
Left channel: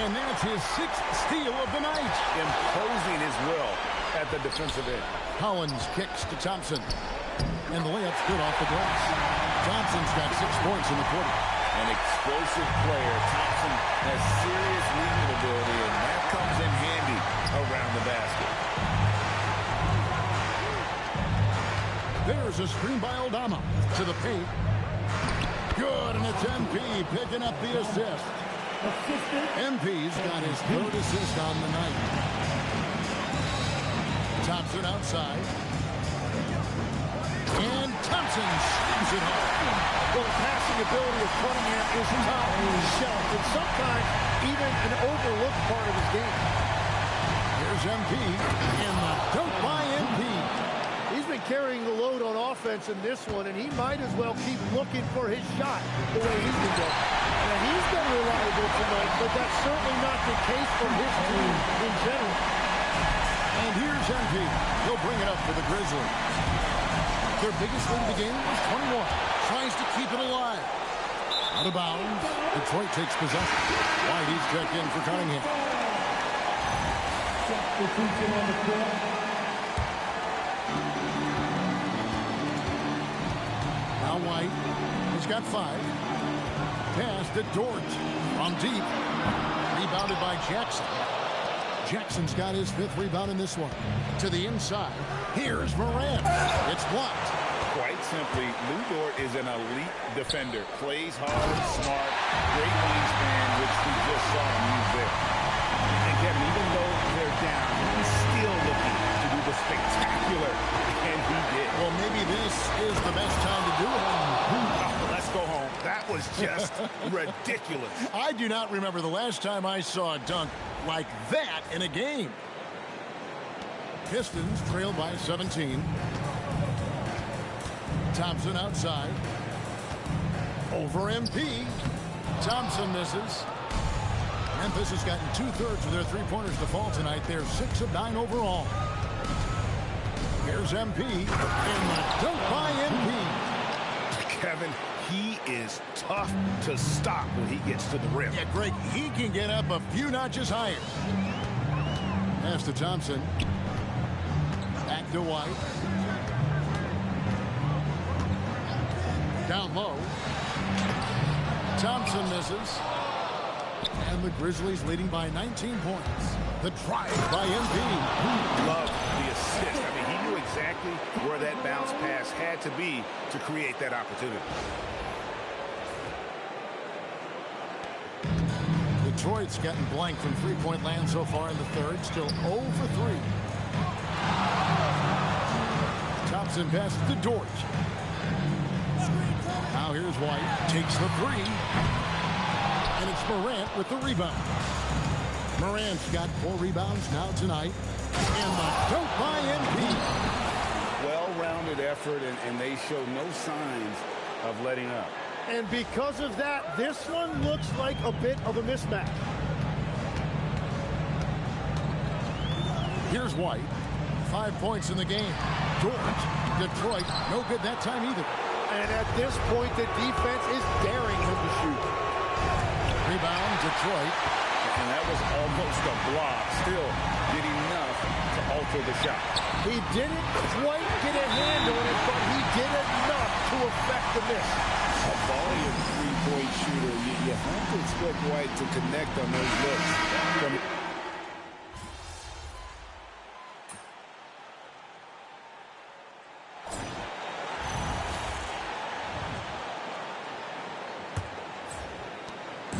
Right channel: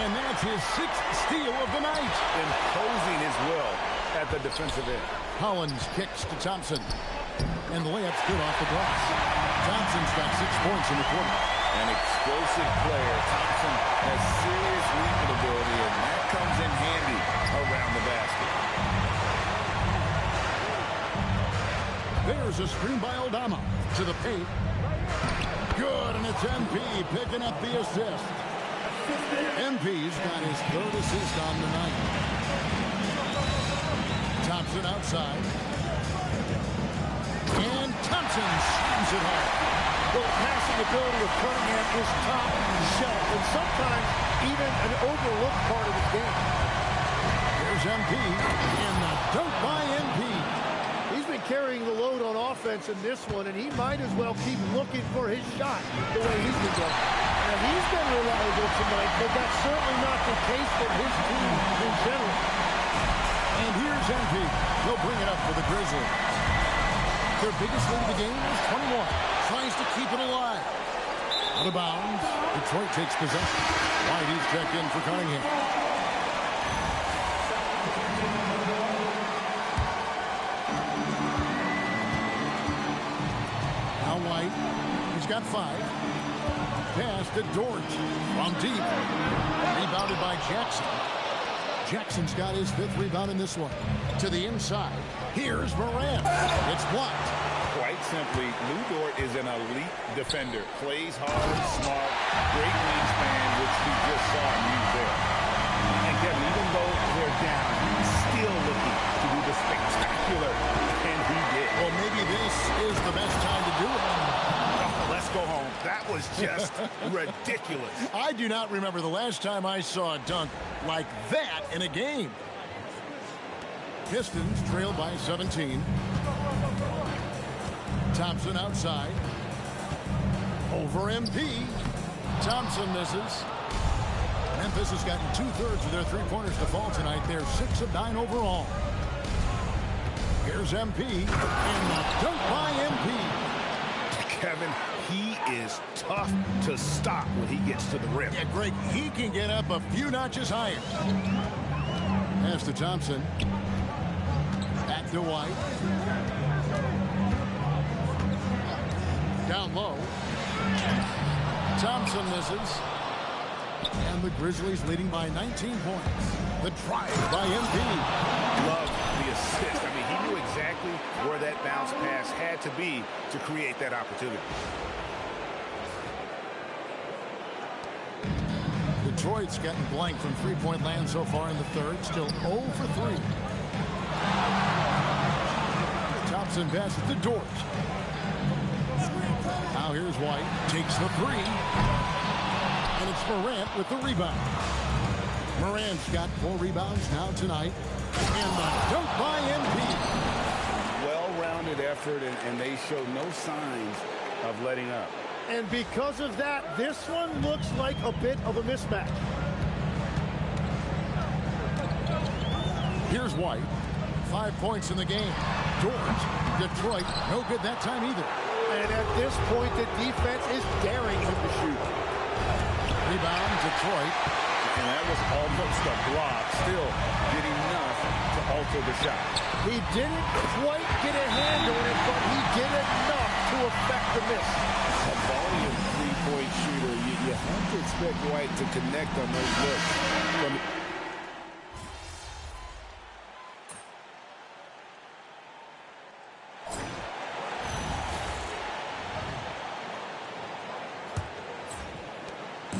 And that's his 6th steal of the night. Imposing his will at the defensive end. Collins kicks to Thompson. And the layup's good off the glass. Thompson's got 6 points in the quarter. An explosive player. Thompson has serious leaping ability, and that comes in handy around the basket. There's a screen by Aldama to the paint. Good, and it's MP picking up the assist. MP's got his 3rd assist on the night. Thompson outside. And Thompson slams it home. Well, the passing ability of Cunningham is top shelf, and sometimes even an overlooked part of his game. Here's MP, and the dunk by MP. He's been carrying the load on offense in this one, and he might as well keep looking for his shot the way he's been going. And he's been reliable tonight, but that's certainly not the case for his team in general. And here's MP. He'll bring it up for the Grizzlies. Their biggest lead of the game was 21. Tries to keep it alive. Out of bounds. Detroit takes possession. Whitey's checked in for Cunningham. Now White. He's got 5. Pass to Dort. From deep. Rebounded by Jackson. Jackson's got his 5th rebound in this one. To the inside. Here's Morant. It's blocked. Quite simply, Lou Dort is an elite defender. Plays hard, smart, great wingspan, which we just saw him use there. And Kevin, even though they're down, he's still looking to do the spectacular, and he did. Well, maybe this is the best time to do it. Oh, let's go home. That was just ridiculous. I do not remember the last time I saw a dunk like that in a game. Pistons trail by 17. Thompson outside. Over MP. Thompson misses. Memphis has gotten 2/3 of their 3-pointers to fall tonight. They're 6 of 9 overall. Here's MP. And the dunk by MP. Kevin, he is tough to stop when he gets to the rim. Yeah, Greg, he can get up a few notches higher. Pass to Thompson. Back to White. Down low. Thompson misses. And the Grizzlies leading by 19 points. The drive by MP. Love the assist. I mean, he knew exactly where that bounce pass had to be to create that opportunity. Detroit's gotten blank from 3-point land so far in the 3rd. Still 0 for 3. Thompson passes to Dort. Now here's White. Takes the 3. And it's Morant with the rebound. Morant's got 4 rebounds now tonight. And the dunk by MP. Well-rounded effort, and they show no signs of letting up. And because of that, this one looks like a bit of a mismatch. Here's White. 5 points in the game. Dort. Detroit. No good that time either. And at this point, the defense is daring him to shoot. Rebound, Detroit. And that was almost a block. Still did enough to alter the shot. He didn't quite get a hand on it, but he did enough to affect the miss. A volume three-point shooter. You have to expect White to connect on those looks.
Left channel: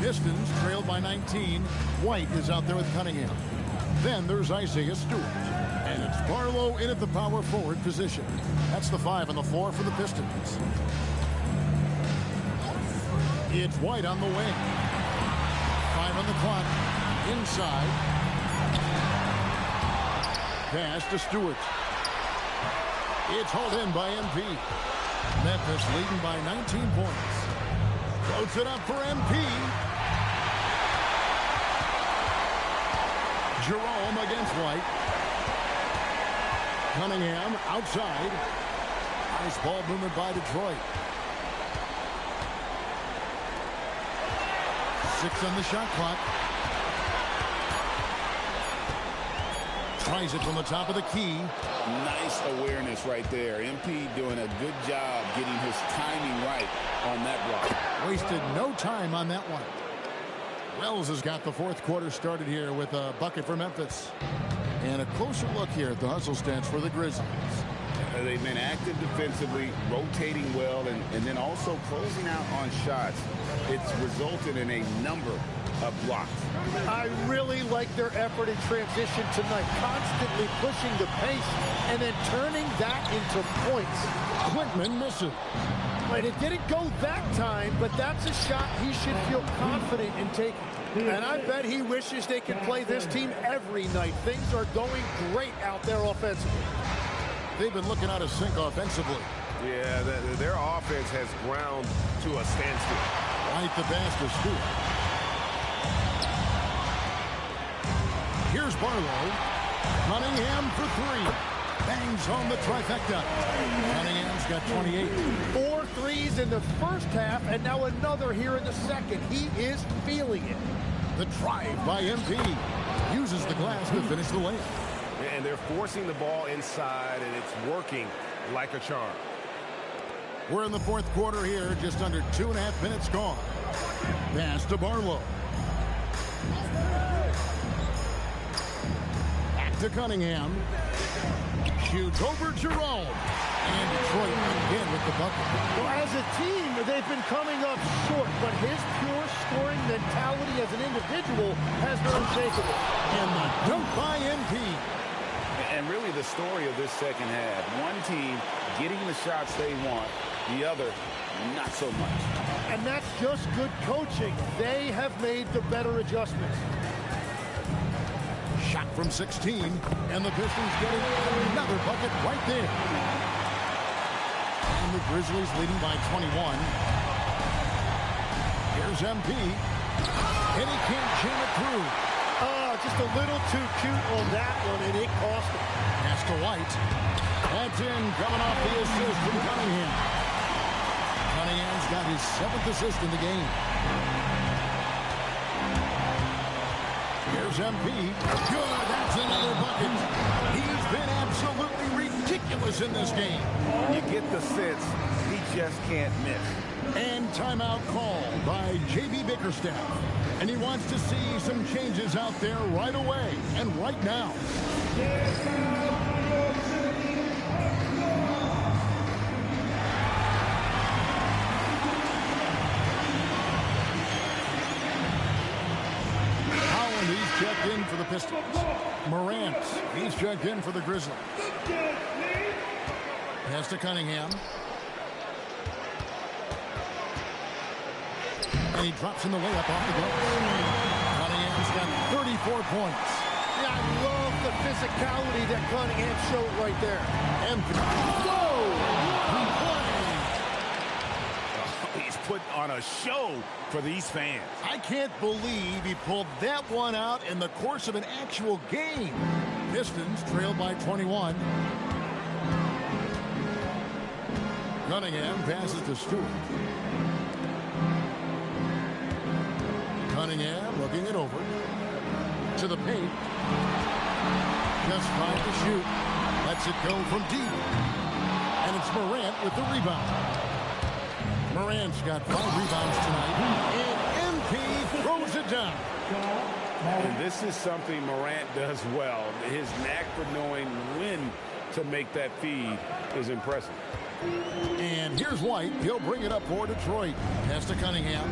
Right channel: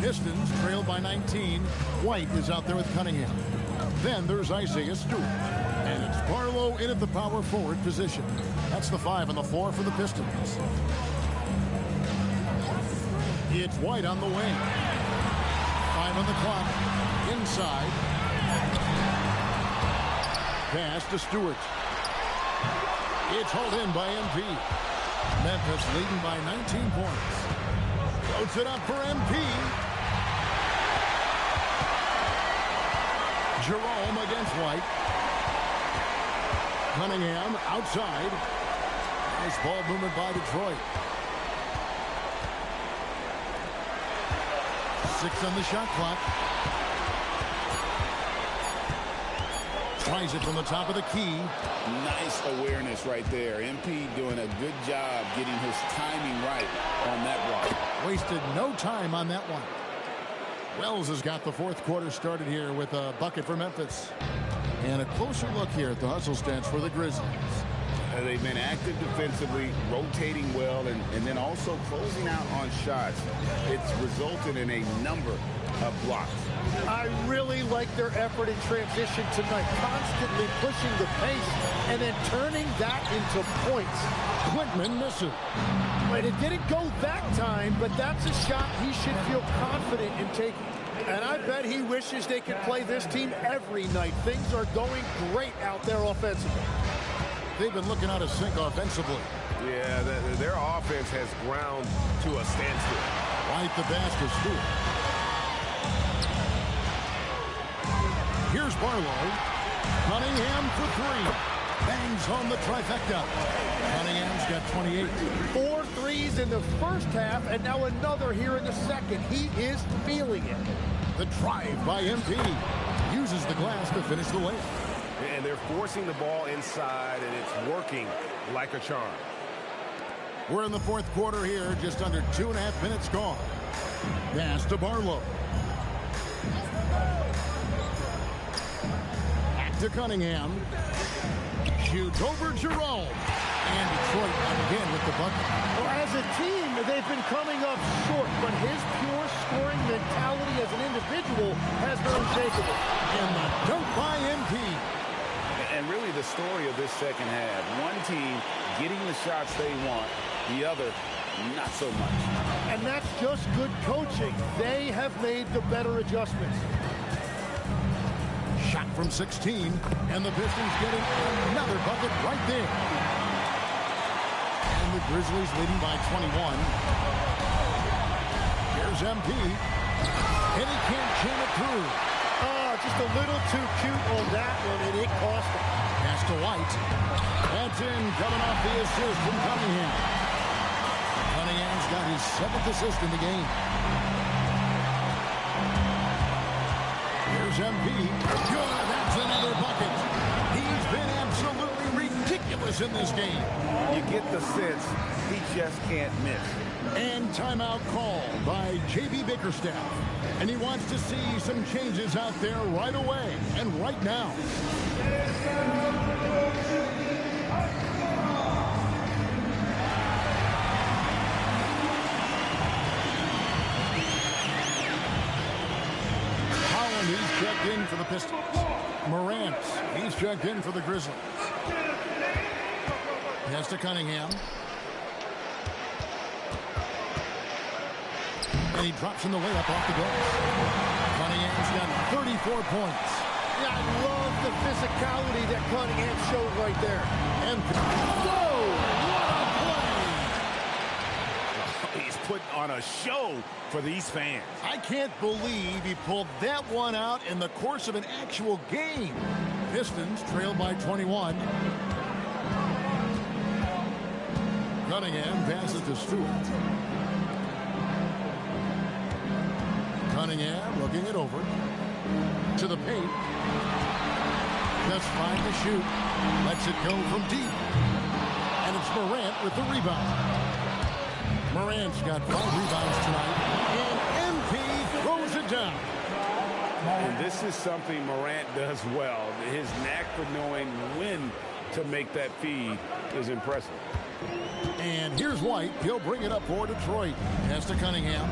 Pistons trail by 19. White is out there with Cunningham. Then there's Isaiah Stewart. And it's Barlow in at the power forward position. That's the 5 on the floor for the Pistons. It's White on the wing. 5 on the clock. Inside. Pass to Stewart. It's hauled in by MP. Memphis leading by 19 points. Floats it up for MP. Jerome against White. Cunningham outside. Nice ball movement by Detroit. 6 on the shot clock. Tries it from the top of the key. Nice awareness right there. MP doing a good job getting his timing right on that block. Wasted no time on that one. Wells has got the fourth quarter started here with a bucket for Memphis. And a closer look here at the hustle stats for the Grizzlies. They've been active defensively, rotating well, and then also closing out on shots. It's resulted in a number of blocks. I really like their effort in transition tonight, constantly pushing the pace and then turning that into points. Quintman misses. But it didn't go that time, but that's a shot he should feel confident in taking. And I bet he wishes they could play this team every night. Things are going great out there offensively. They've been looking out of sync offensively. Yeah, their offense has ground to a standstill. White the pass to Stewart. Here's Barlow. Cunningham for 3. Bangs home the trifecta. Cunningham's got 28. 4 threes in the first half, and now another here in the second. He is feeling it. The drive by MP. Uses the glass to finish the layup. And they're forcing the ball inside, and it's working like a charm. We're in the fourth quarter here, just under 2.5 minutes gone. Pass to Barlow. Back to Cunningham. Shoots over Jerome. And Detroit again with the bucket. Well, as a team, they've been coming up short, but his pure scoring mentality as an individual has been unshakable. And the dunk by MP. And really the story of this second half. One team getting the shots they want, the other not so much. And that's just good coaching. They have made the better adjustments. Shot from 16, and the Pistons getting another bucket right there. And the Grizzlies leading by 21. Here's MP. And he can't jam it through. Oh, just a little too cute on that one, and it cost him. Pass to White. That's in, coming off the assist from Cunningham. Cunningham's got his 7th assist in the game. Here's MP. Good, that's another bucket. He's been absolutely ridiculous in this game. You get the sense he just can't miss. And timeout called by J.B. Bickerstaff. And he wants to see some changes out there right away and right now. Holland, he's checked in for the Pistons. Morant, he's checked in for the Grizzlies. Pass to Cunningham. And he drops in the layup off the glass. Cunningham's got 34 points. Yeah, I love the physicality that Cunningham showed right there. And whoa, what a play! Oh, he's putting on a show for these fans. I can't believe he pulled that one out in the course of an actual game. Pistons trail by 21. Cunningham passes to Stewart. Cunningham looking it over. To the paint. Just 5 to shoot. Lets it go from deep. And it's Morant with the rebound. Morant's got 5 rebounds tonight. And MP throws it down. And this is something Morant does well. His knack for knowing when to make that feed is impressive. And here's White. He'll bring it up for Detroit. Pass to Cunningham.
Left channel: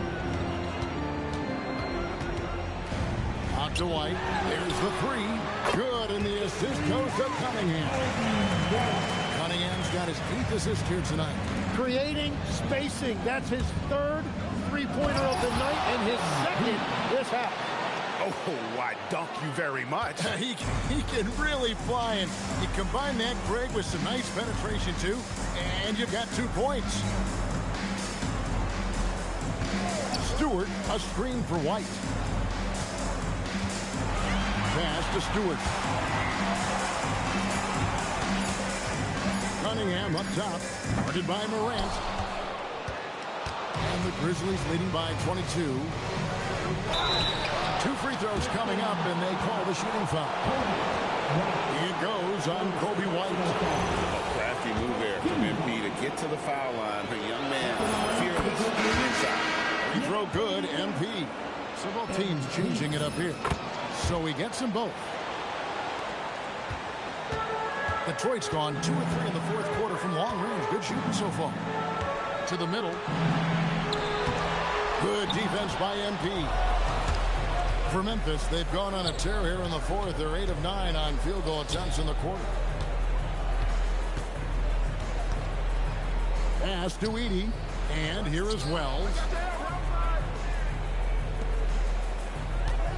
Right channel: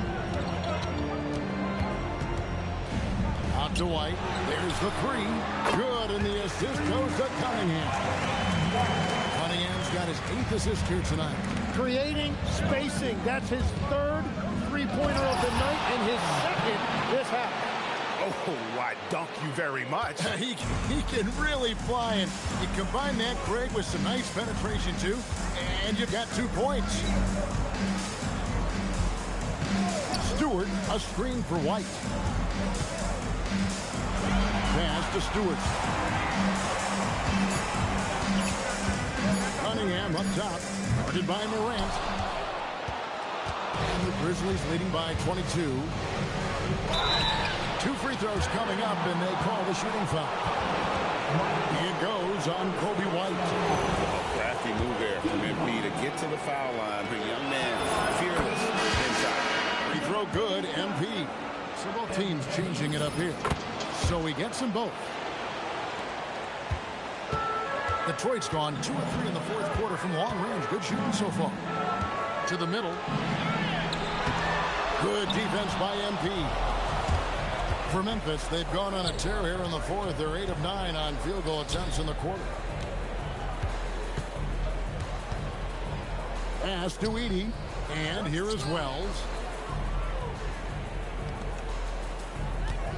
Out to White. There's the 3. Good, and the assist goes to Cunningham. Cunningham's got his 8th assist here tonight. Creating spacing. That's his 3rd three-pointer of the night and his 2nd this half. Oh, why, dunk you very much. He can really fly, and you combine that, Greg, with some nice penetration, too, and you've got 2 points. Stewart, a screen for White. Pass to Stewart. Cunningham up top, guarded by Morant. And the Grizzlies leading by 22. 2 free throws coming up, and they call the shooting foul. It goes on Kobe White. A crafty move there from MP to get to the foul line. The young man, fearless inside. Free throw good, MP. So both teams changing it up here. So he gets them both. Detroit's gone 2 of 3 in the 4th quarter from long range. Good shooting so far. To the middle. Good defense by MP. For Memphis, they've gone on a tear here in the 4th. They're 8 of 9 on field goal attempts in the quarter. Pass to Edey. And here is Wells.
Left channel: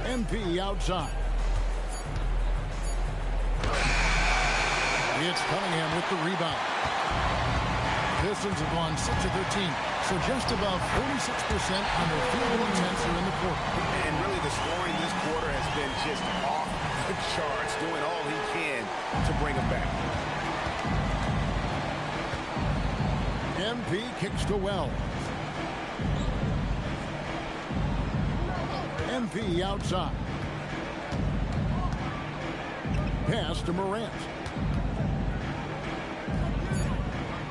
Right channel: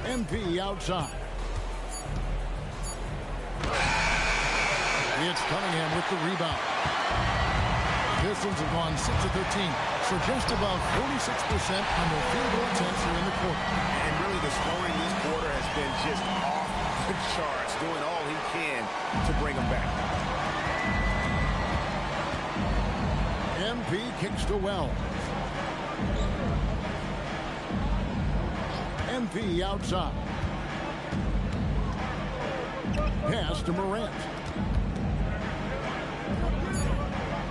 MP outside. It's Cunningham with the rebound. Pistons have gone 6 of 13. So just above 46% on their field goal attempts here in the quarter. And really the scoring this quarter has been just off the charts, doing all he can to bring them back. MP kicks to Wells. MP outside. Pass to Morant.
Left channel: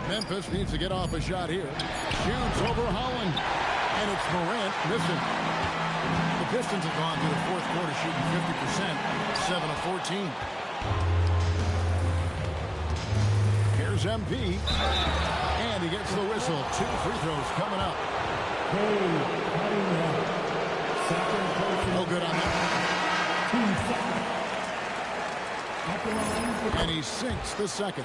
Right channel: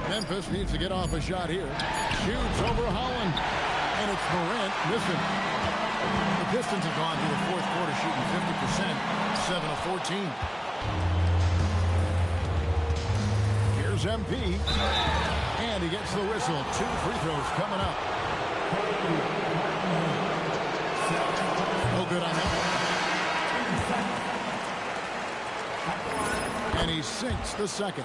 Memphis needs to get off a shot here. Shoots over Holland. And it's Morant missing. The Pistons have gone through the 4th quarter shooting 50%, 7 of 14. Here's MP. And he gets the whistle. 2 free throws coming up. No good on that one. And he sinks the 2nd.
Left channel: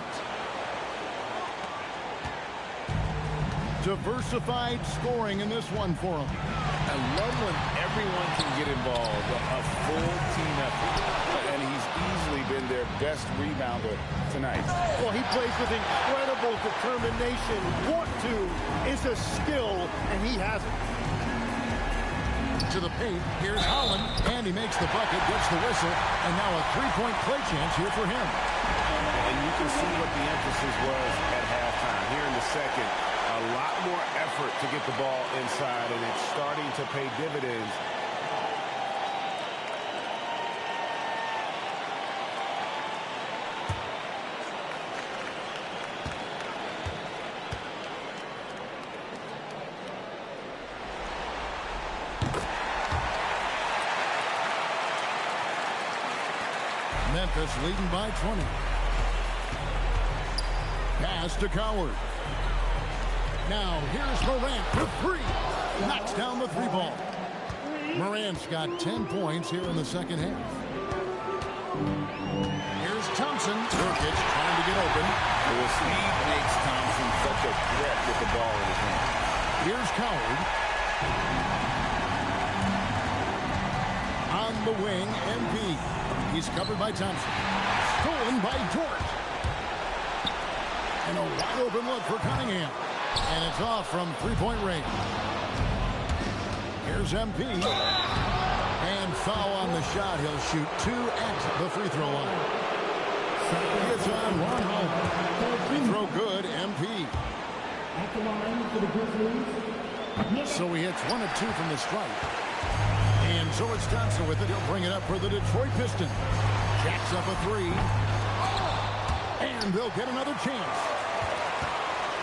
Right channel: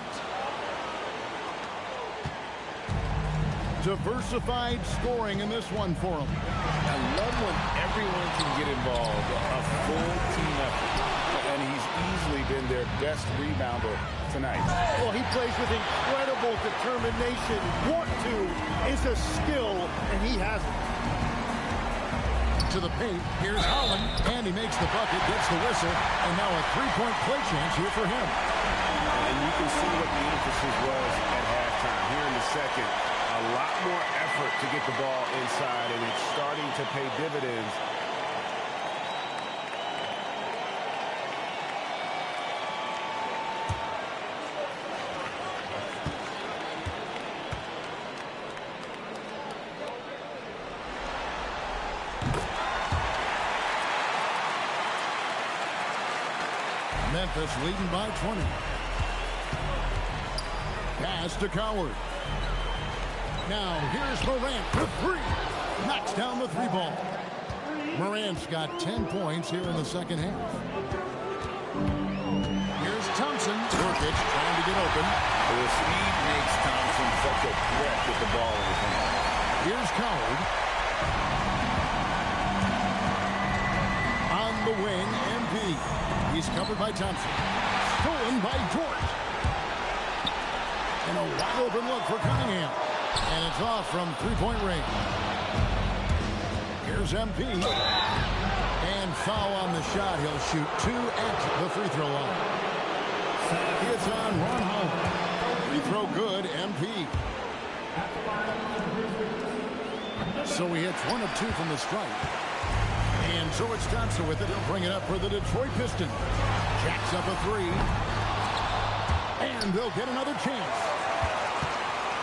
Diversified scoring in this one for him. I love when everyone can get involved, a full team effort. And he's easily been their best rebounder tonight. Well, he plays with incredible determination. Want to is a skill, and he has it. To the paint, here's Holland, and he makes the bucket, gets the whistle, and now a 3-point play chance here for him. And you can see what the emphasis was at halftime. Here in the 2nd, a lot more effort to get the ball inside, and it's starting to pay dividends. Memphis leading by 20. Pass to Coward. Now here's Morant for 3. Knocks down the 3 ball. Morant's got 10 points here in the 2nd half. Here's Thompson. Nurkic trying to get open. The speed makes Thompson such a threat with the ball in his hand. Here's Coward. On the wing, MP. He's covered by Thompson. Stolen by Dort. And a wide open look for Cunningham. And it's off from 3-point range. Here's MP. And foul on the shot. He'll shoot 2 at the free throw line. It's on Ron Holland. Free throw good, MP. So he hits 1 of 2 from the stripe. And so it's Thompson with it. He'll bring it up for the Detroit Pistons. Jacks up a three. And they'll get another chance.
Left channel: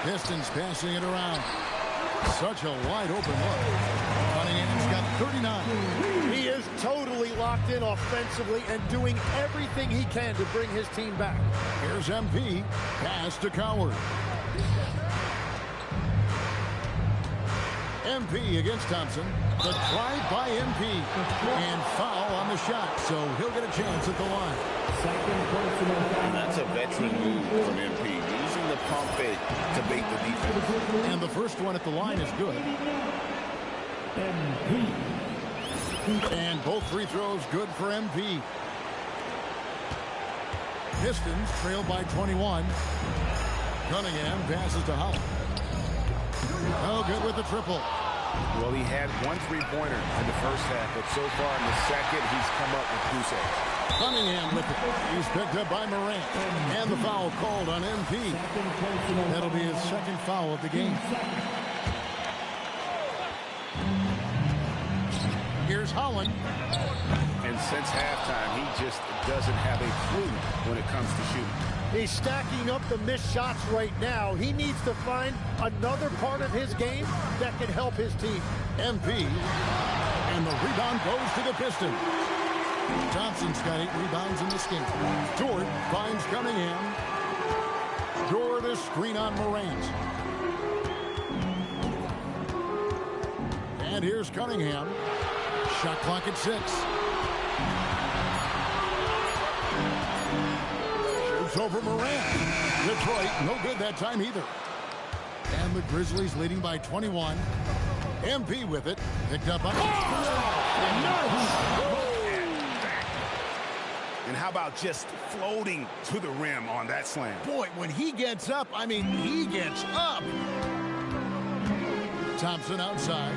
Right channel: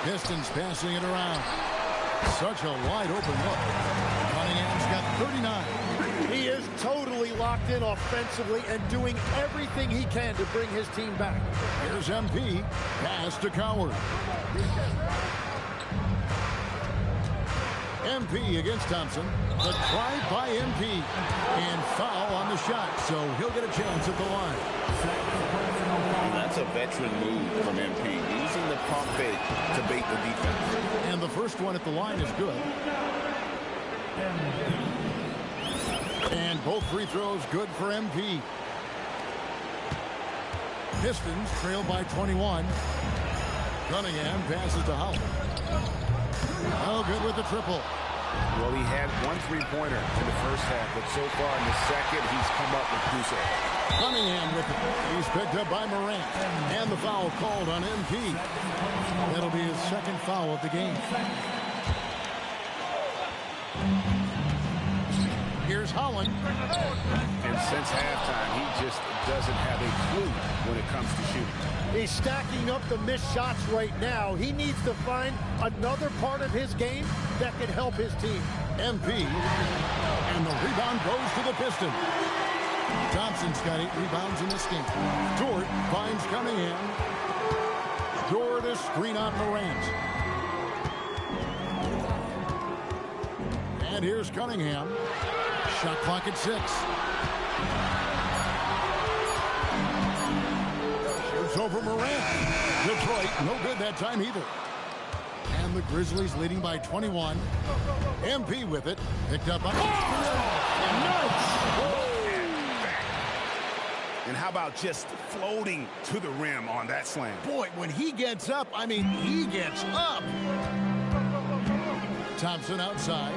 Pistons passing it around. Such a wide open look. Cunningham's got 39. He is totally locked in offensively and doing everything he can to bring his team back. Here's MP. Pass to Coward. MP against Thompson. The drive by MP. And foul on the shot, so he'll get a chance at the line. And that's a veteran move from MP, using the pump fake to bait the defense. And the first one at the line is good. And both free throws good for MP. Pistons trail by 21. Cunningham passes to Howell. Oh, good with the triple. Well, he had one three-pointer in the first half, but so far in the second, he's come up with goose eggs. Cunningham with it. He's picked up by Morant. And the foul called on MP. That'll be his second foul of the game. Here's Holland. And since halftime, he just doesn't have a clue when it comes to shooting. He's stacking up the missed shots right now. He needs to find another part of his game that can help his team. MP. And the rebound goes to the Pistons. Thompson's got 8 rebounds in this game. Dort finds Cunningham. Dort a screen on Morant. And here's Cunningham. Shot clock at 6. Shoots over Morant. Detroit, no good that time either. And the Grizzlies leading by 21. MP with it. Picked up on. And how about just floating to the rim on that slam? Boy, when he gets up, I mean, he gets up. Thompson outside.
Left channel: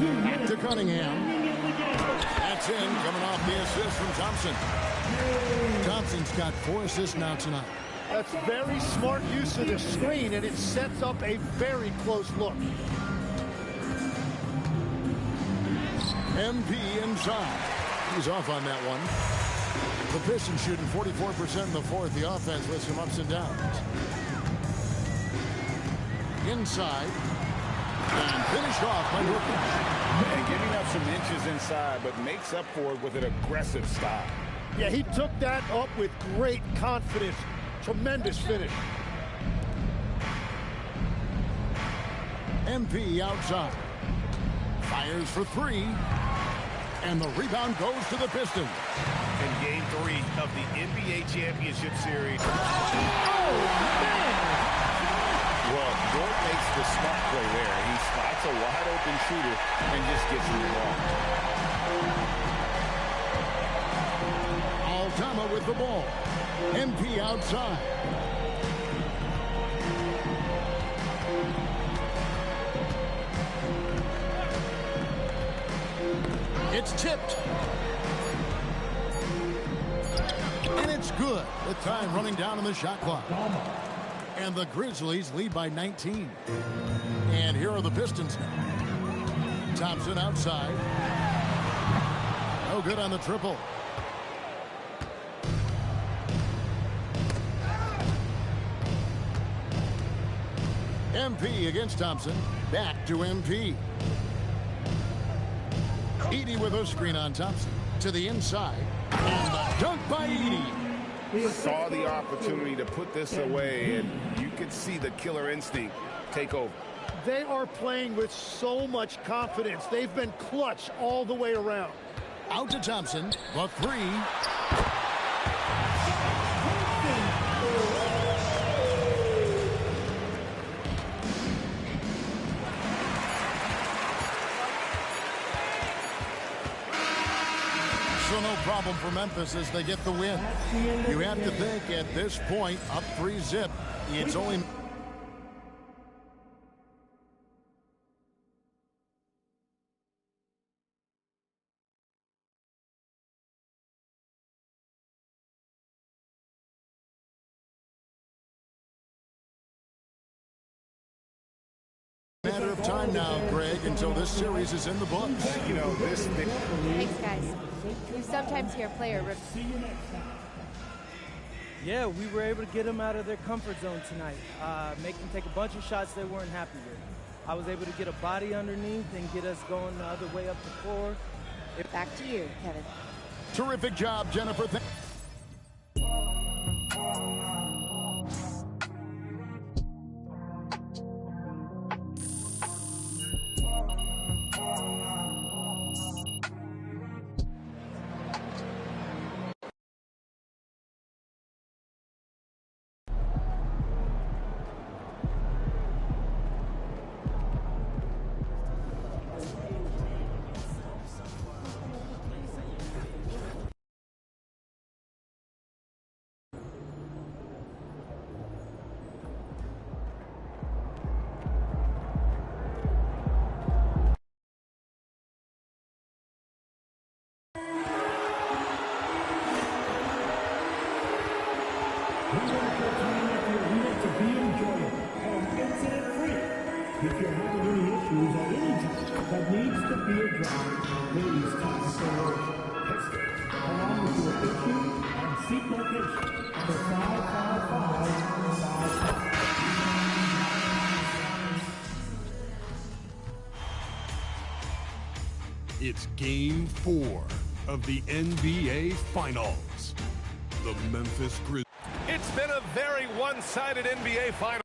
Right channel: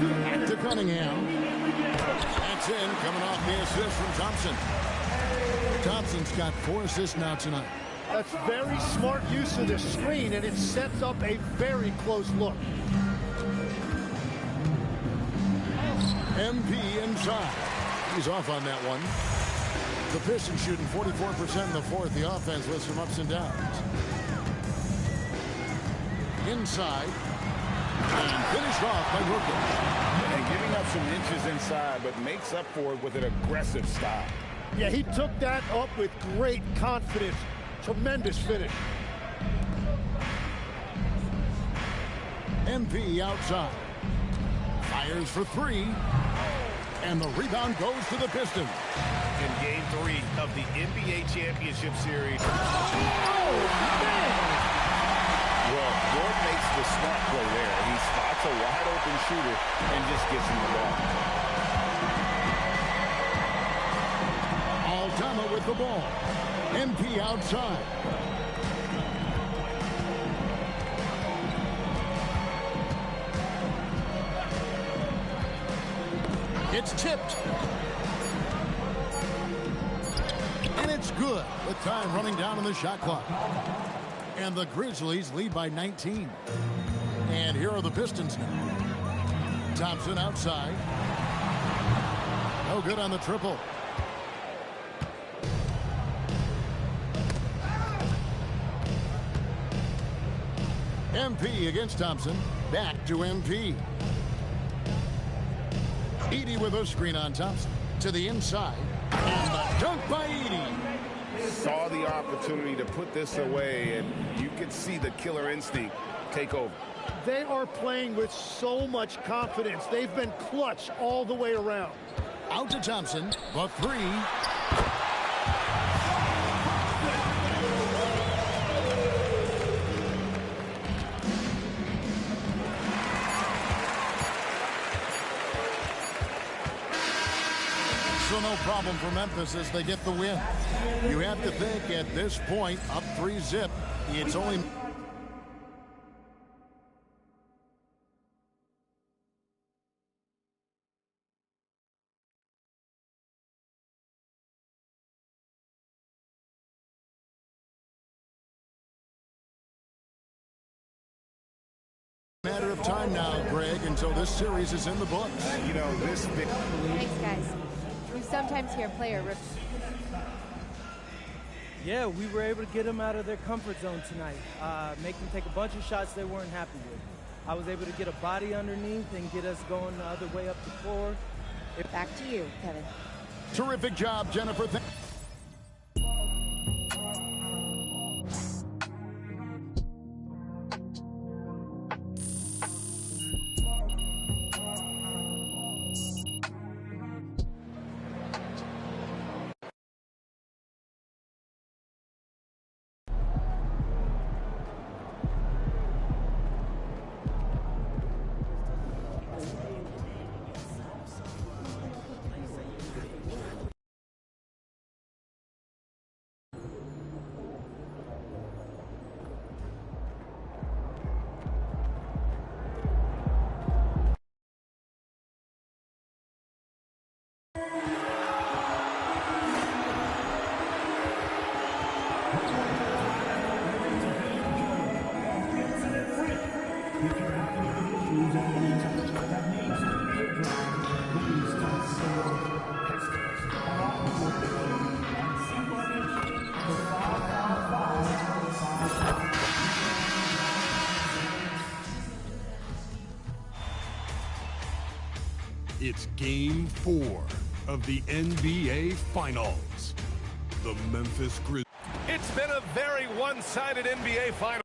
Back to Cunningham. That's in, coming off the assist from Thompson. Thompson's got 4 assists now tonight. That's very smart use of the screen, and it sets up a very close look. MP inside. He's off on that one. The Pistons shooting 44% in the fourth. The offense with some ups and downs. Inside. And finished off by Nurkic. And giving up some inches inside, but makes up for it with an aggressive style. Yeah, he took that up with great confidence. Tremendous finish. MP outside. Fires for 3. And the rebound goes to the Pistons. In Game 3 of the NBA Championship Series. Oh, man! Well, Dort makes the smart play there. He spots a wide-open shooter and just gets him the ball. Altama with the ball. MP outside. It's tipped. And it's good with time running down on the shot clock. And the Grizzlies lead by 19. And here are the Pistons now. Thompson outside. No good on the triple. MP against Thompson. Back to MP. Edey with a screen on Thompson. To the inside. And the dunk by Edey. Saw the opportunity to put this away, and you could see the killer instinct take over. They are playing with so much confidence. They've been clutch all the way around. Out to Thompson. The 3. So no problem for Memphis as they get the win. You have to think at this point, up 3-0, it's only... matter of time now, Greg, until this series is in the books. You know, this big. Thanks, guys. You sometimes hear a player rip. Yeah, we were able to get them out of their comfort zone tonight, make them take a bunch of shots they weren't happy with. I was able to get a body underneath and get us going the other way up the floor. Back to you, Kevin. Terrific job, Jennifer. If you're having any issues at any time that needs to be addressed, please talk to Hester, along with your issue and seat location for 5-on-5. It's Game 4 of the NBA Finals. The Memphis Grizzlies. It's been a very one-sided NBA Final.